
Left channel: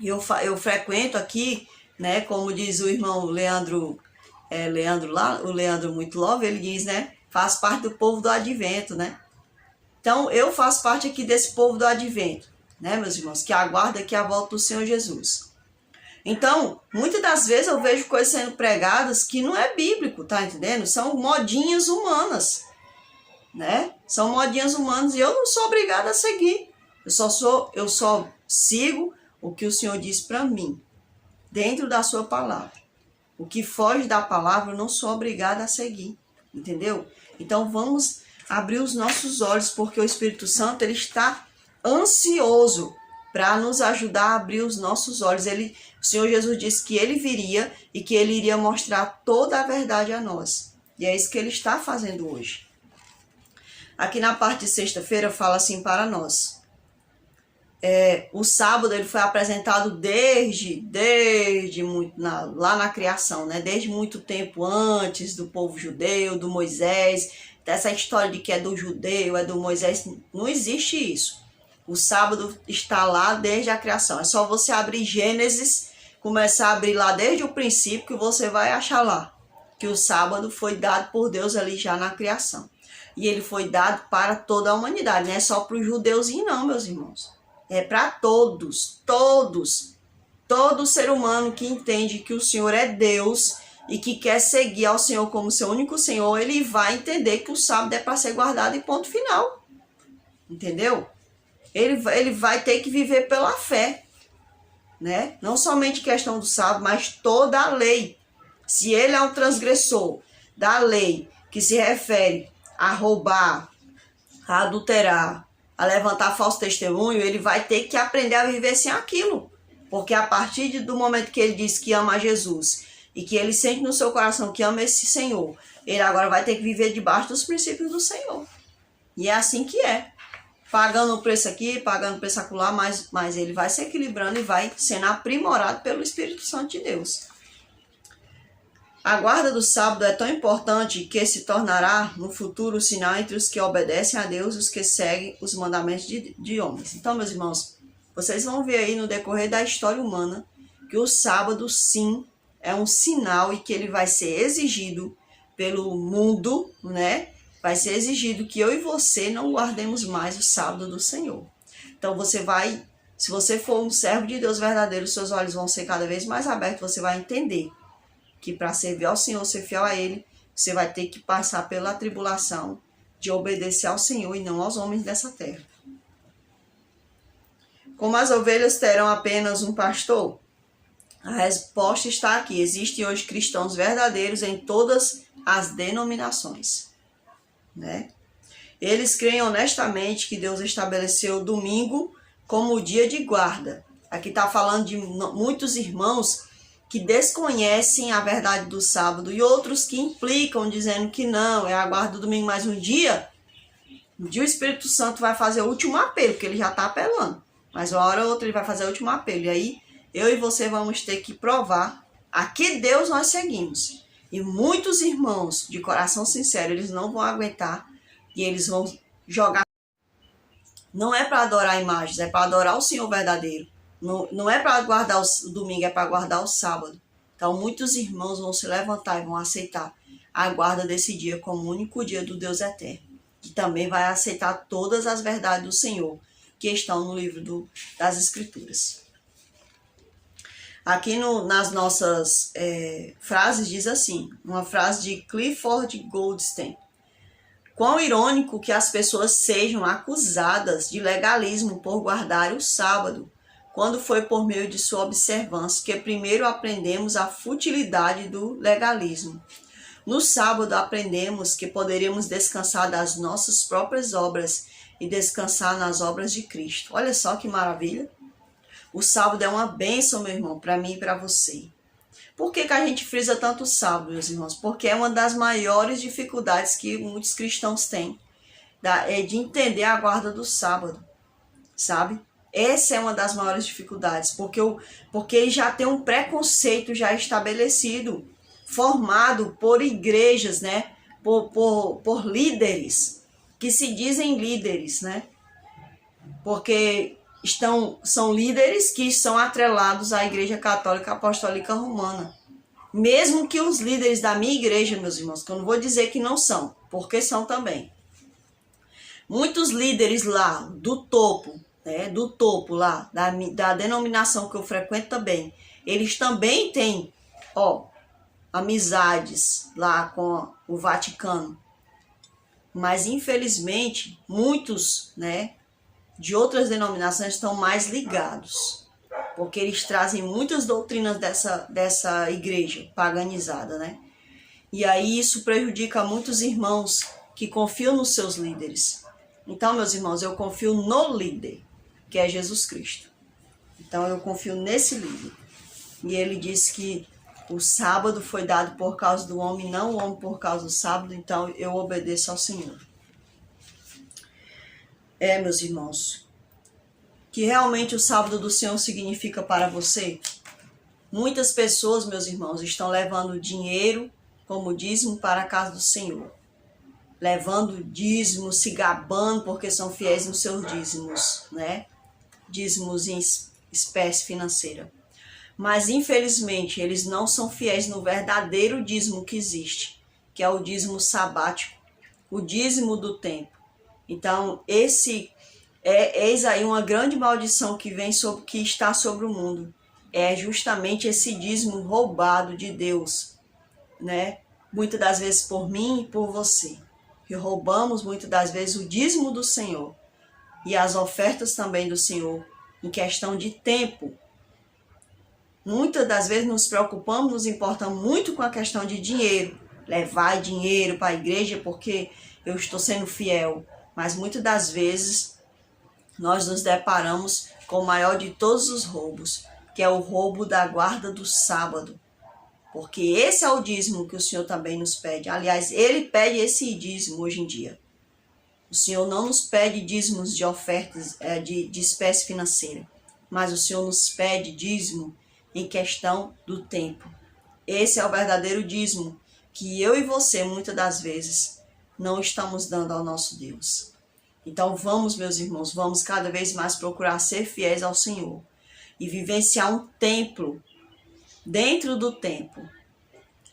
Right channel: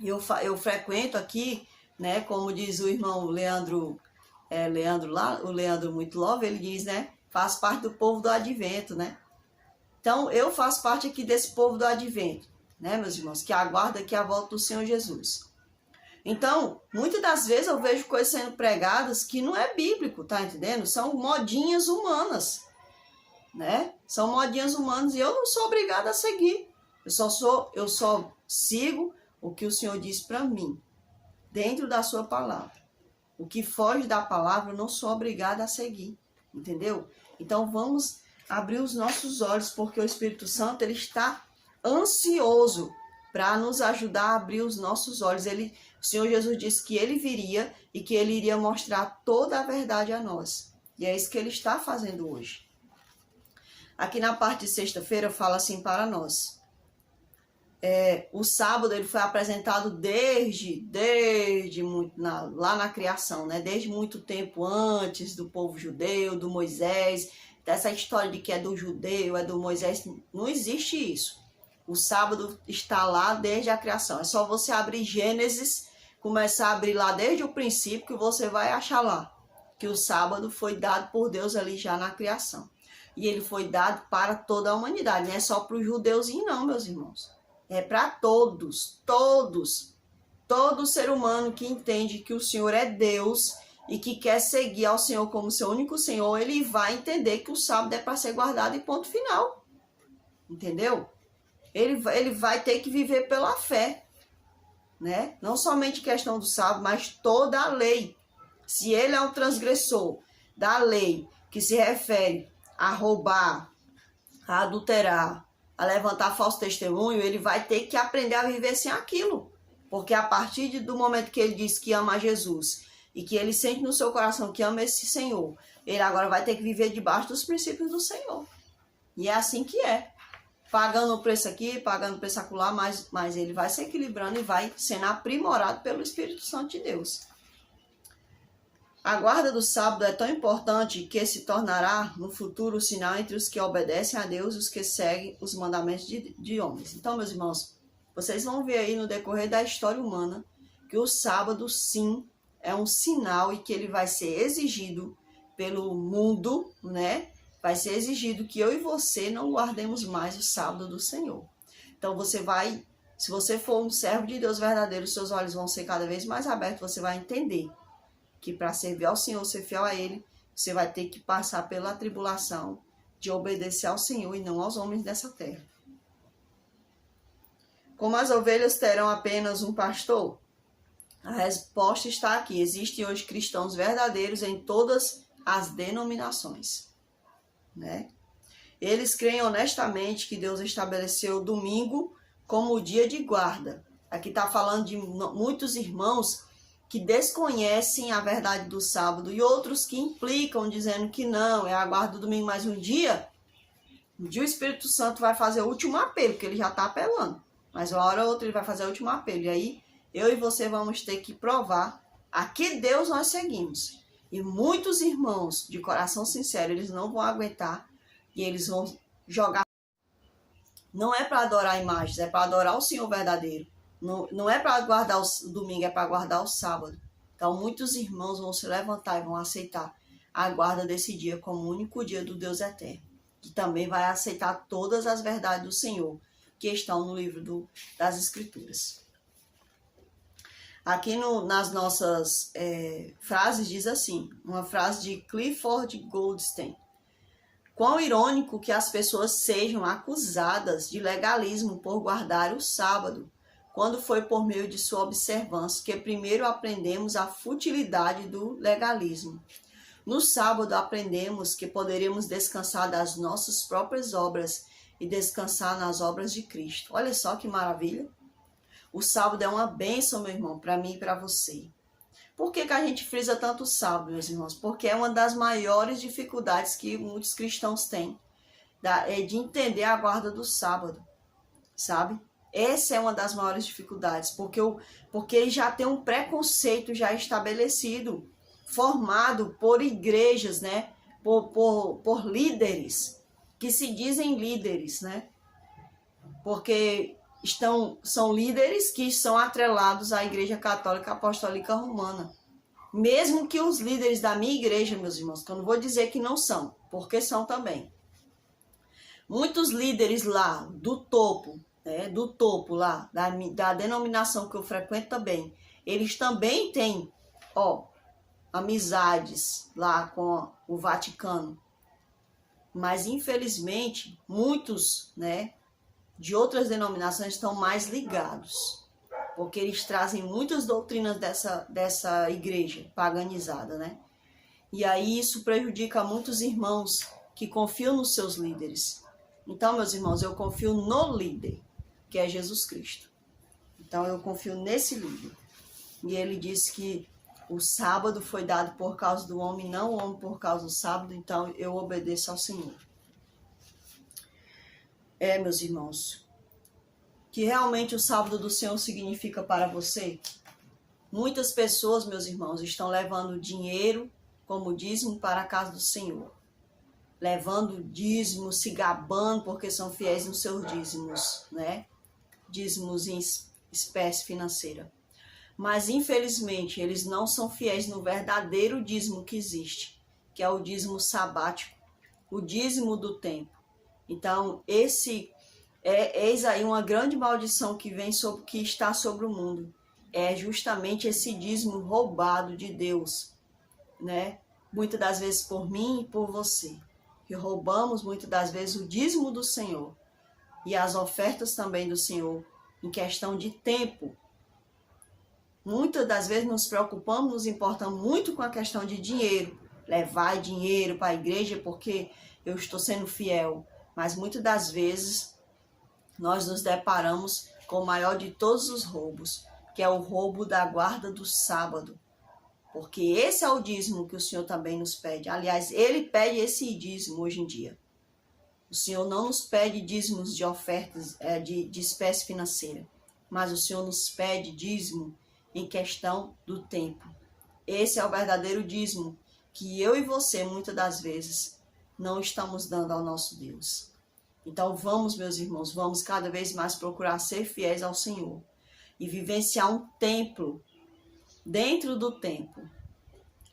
Eu frequento aqui, né, como diz o irmão Leandro lá, o Leandro Muito Love, ele diz, né, faz parte do povo do Advento, né? Então, eu faço parte aqui desse povo do Advento, né, meus irmãos, que aguarda aqui a volta do Senhor Jesus. Então, muitas das vezes eu vejo coisas sendo pregadas que não é bíblico, tá entendendo? São modinhas humanas, né? São modinhas humanas e eu não sou obrigada a seguir. Eu só sigo o que o Senhor diz para mim, dentro da sua palavra. O que foge da palavra eu não sou obrigada a seguir, entendeu? Então vamos abrir os nossos olhos, porque o Espírito Santo ele está ansioso para nos ajudar a abrir os nossos olhos. O Senhor Jesus disse que ele viria e que ele iria mostrar toda a verdade a nós. E é isso que ele está fazendo hoje. Aqui na parte de sexta-feira fala assim para nós. O sábado ele foi apresentado desde muito, lá na criação, né? Desde muito tempo antes do povo judeu, do Moisés, dessa história de que é do judeu, é do Moisés, não existe isso. O sábado está lá desde a criação. É só você abrir Gênesis, começar a abrir lá desde o princípio, que você vai achar lá que o sábado foi dado por Deus ali já na criação. E ele foi dado para toda a humanidade, não é só para os judeuzinhos não, meus irmãos. É para todos, todo ser humano que entende que o Senhor é Deus e que quer seguir ao Senhor como seu único Senhor, ele vai entender que o sábado é para ser guardado e ponto final. Entendeu? Ele vai ter que viver pela fé, né? Não somente questão do sábado, mas toda a lei. Se ele é um transgressor da lei que se refere a roubar, a adulterar, a levantar falso testemunho, ele vai ter que aprender a viver sem aquilo. Porque a partir do momento que ele diz que ama a Jesus e que ele sente no seu coração que ama esse Senhor, ele agora vai ter que viver debaixo dos princípios do Senhor. E é assim que é. Pagando o preço aqui, pagando o preço acolá, mas ele vai se equilibrando e vai sendo aprimorado pelo Espírito Santo de Deus. A guarda do sábado é tão importante que se tornará no futuro o sinal entre os que obedecem a Deus e os que seguem os mandamentos de homens. Então, meus irmãos, vocês vão ver aí no decorrer da história humana que o sábado, sim, é um sinal e que ele vai ser exigido pelo mundo, né? Vai ser exigido que eu e você não guardemos mais o sábado do Senhor. Então, se você for um servo de Deus verdadeiro, seus olhos vão ser cada vez mais abertos, você vai entender que para servir ao Senhor, ser fiel a Ele, você vai ter que passar pela tribulação de obedecer ao Senhor e não aos homens dessa terra. Como as ovelhas terão apenas um pastor? A resposta está aqui. Existem hoje cristãos verdadeiros em todas as denominações, né? Eles creem honestamente que Deus estabeleceu o domingo como o dia de guarda. Aqui está falando de muitos irmãos que desconhecem a verdade do sábado e outros que implicam dizendo que não, é a guarda do domingo mais um dia o Espírito Santo vai fazer o último apelo, porque ele já está apelando. Mas uma hora ou outra ele vai fazer o último apelo. E aí eu e você vamos ter que provar a que Deus nós seguimos. E muitos irmãos de coração sincero, eles não vão aguentar e eles vão jogar. Não é para adorar imagens, é para adorar o Senhor verdadeiro. Não é para guardar o domingo, é para guardar o sábado. Então, muitos irmãos vão se levantar e vão aceitar a guarda desse dia como o único dia do Deus eterno. E também vai aceitar todas as verdades do Senhor que estão no livro das Escrituras. Aqui nas nossas frases diz assim, uma frase de Clifford Goldstein. Quão irônico que as pessoas sejam acusadas de legalismo por guardar o sábado, quando foi por meio de sua observância que primeiro aprendemos a futilidade do legalismo. No sábado aprendemos que poderíamos descansar das nossas próprias obras e descansar nas obras de Cristo. Olha só que maravilha! O sábado é uma bênção, meu irmão, para mim e para você. Por que a gente frisa tanto o sábado, meus irmãos? Porque é uma das maiores dificuldades que muitos cristãos têm, de entender a guarda do sábado, sabe? Essa é uma das maiores dificuldades, porque já tem um preconceito já estabelecido, formado por igrejas, né? Por líderes, que se dizem líderes, né? Porque são líderes que são atrelados à Igreja Católica Apostólica Romana. Mesmo que os líderes da minha igreja, meus irmãos, que eu não vou dizer que não são, porque são também. Muitos líderes lá do topo, né, do topo lá, da denominação que eu frequento também, eles também têm, amizades lá com o Vaticano. Mas, infelizmente, muitos, né, de outras denominações estão mais ligados, porque eles trazem muitas doutrinas dessa igreja paganizada, né? E aí isso prejudica muitos irmãos que confiam nos seus líderes. Então, meus irmãos, eu confio no líder, que é Jesus Cristo. Então, eu confio nesse líder. E ele disse que o sábado foi dado por causa do homem, não o homem por causa do sábado, então eu obedeço ao Senhor. Meus irmãos, que realmente o sábado do Senhor significa para você? Muitas pessoas, meus irmãos, estão levando dinheiro como dízimo para a casa do Senhor. Levando dízimo, se gabando porque são fiéis nos seus dízimos, né? Dízimos em espécie financeira. Mas, infelizmente, eles não são fiéis no verdadeiro dízimo que existe, que é o dízimo sabático, o dízimo do tempo. Então, eis aí uma grande maldição que está sobre o mundo. É justamente esse dízimo roubado de Deus, né? Muitas das vezes por mim e por você. Que roubamos muitas das vezes o dízimo do Senhor e as ofertas também do Senhor em questão de tempo. Muitas das vezes nos preocupamos, nos importamos muito com a questão de dinheiro. Levar dinheiro para a igreja porque eu estou sendo fiel. Mas muitas das vezes nós nos deparamos com o maior de todos os roubos, que é o roubo da guarda do sábado. Porque esse é o dízimo que o Senhor também nos pede. Aliás, Ele pede esse dízimo hoje em dia. O Senhor não nos pede dízimos de ofertas de espécie financeira, mas o Senhor nos pede dízimo em questão do tempo. Esse é o verdadeiro dízimo que eu e você, muitas das vezes, não estamos dando ao nosso Deus. Então vamos, meus irmãos, vamos cada vez mais procurar ser fiéis ao Senhor e vivenciar um templo dentro do templo,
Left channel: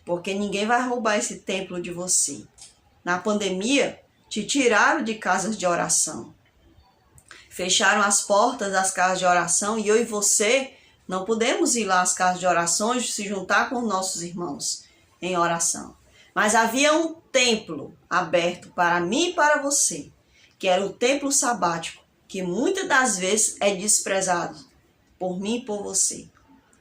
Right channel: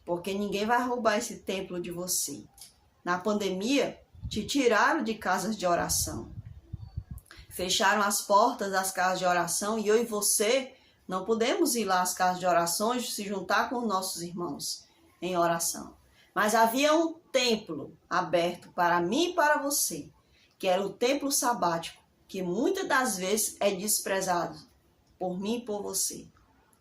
porque ninguém vai roubar esse templo de você. Na pandemia, te tiraram de casas de oração, fecharam as portas das casas de oração e eu e você não podemos ir lá às casas de oração e se juntar com os nossos irmãos em oração. Mas havia um templo aberto para mim e para você, que era o templo sabático, que muitas das vezes é desprezado por mim e por você.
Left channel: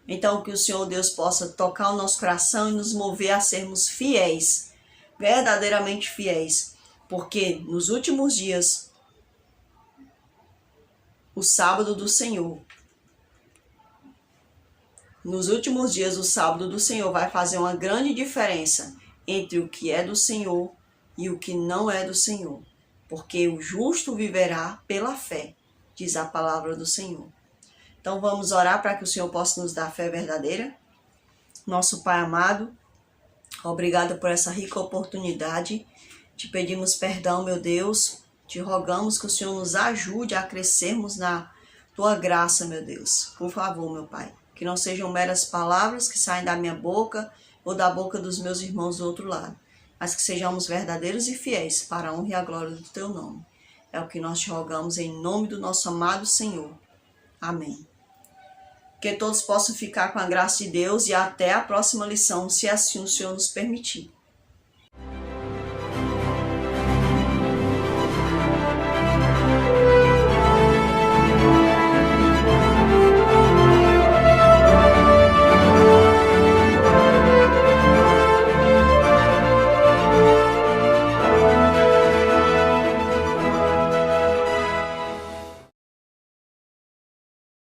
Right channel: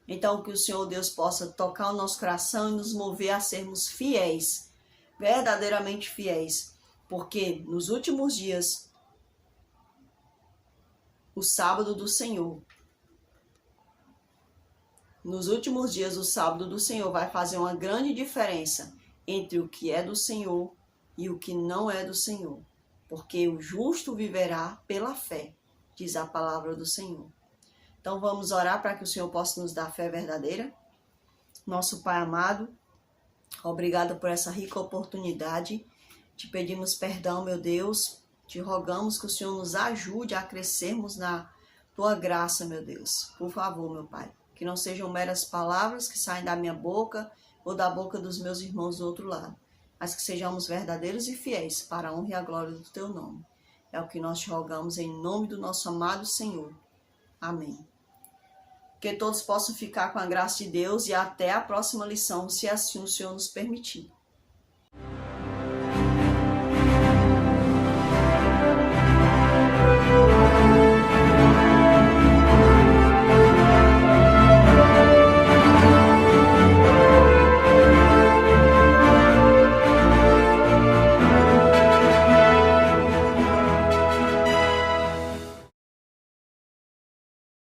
Então, que o Senhor Deus possa tocar o nosso coração e nos mover a sermos fiéis, verdadeiramente fiéis, porque nos últimos dias, o sábado do Senhor, vai fazer uma grande diferença entre o que é do Senhor e o que não é do Senhor, porque o justo viverá pela fé, diz a palavra do Senhor. Então vamos orar para que o Senhor possa nos dar fé verdadeira. Nosso Pai amado, obrigado por essa rica oportunidade. Te pedimos perdão, meu Deus. Te rogamos que o Senhor nos ajude a crescermos na Tua graça, meu Deus. Por favor, meu Pai. Que não sejam meras palavras que saem da minha boca ou da boca dos meus irmãos do outro lado, mas que sejamos verdadeiros e fiéis para a honra e a glória do Teu nome. É o que nós te rogamos em nome do nosso amado Senhor. Amém. Que todos possam ficar com a graça de Deus e até a próxima lição, se assim o Senhor nos permitir.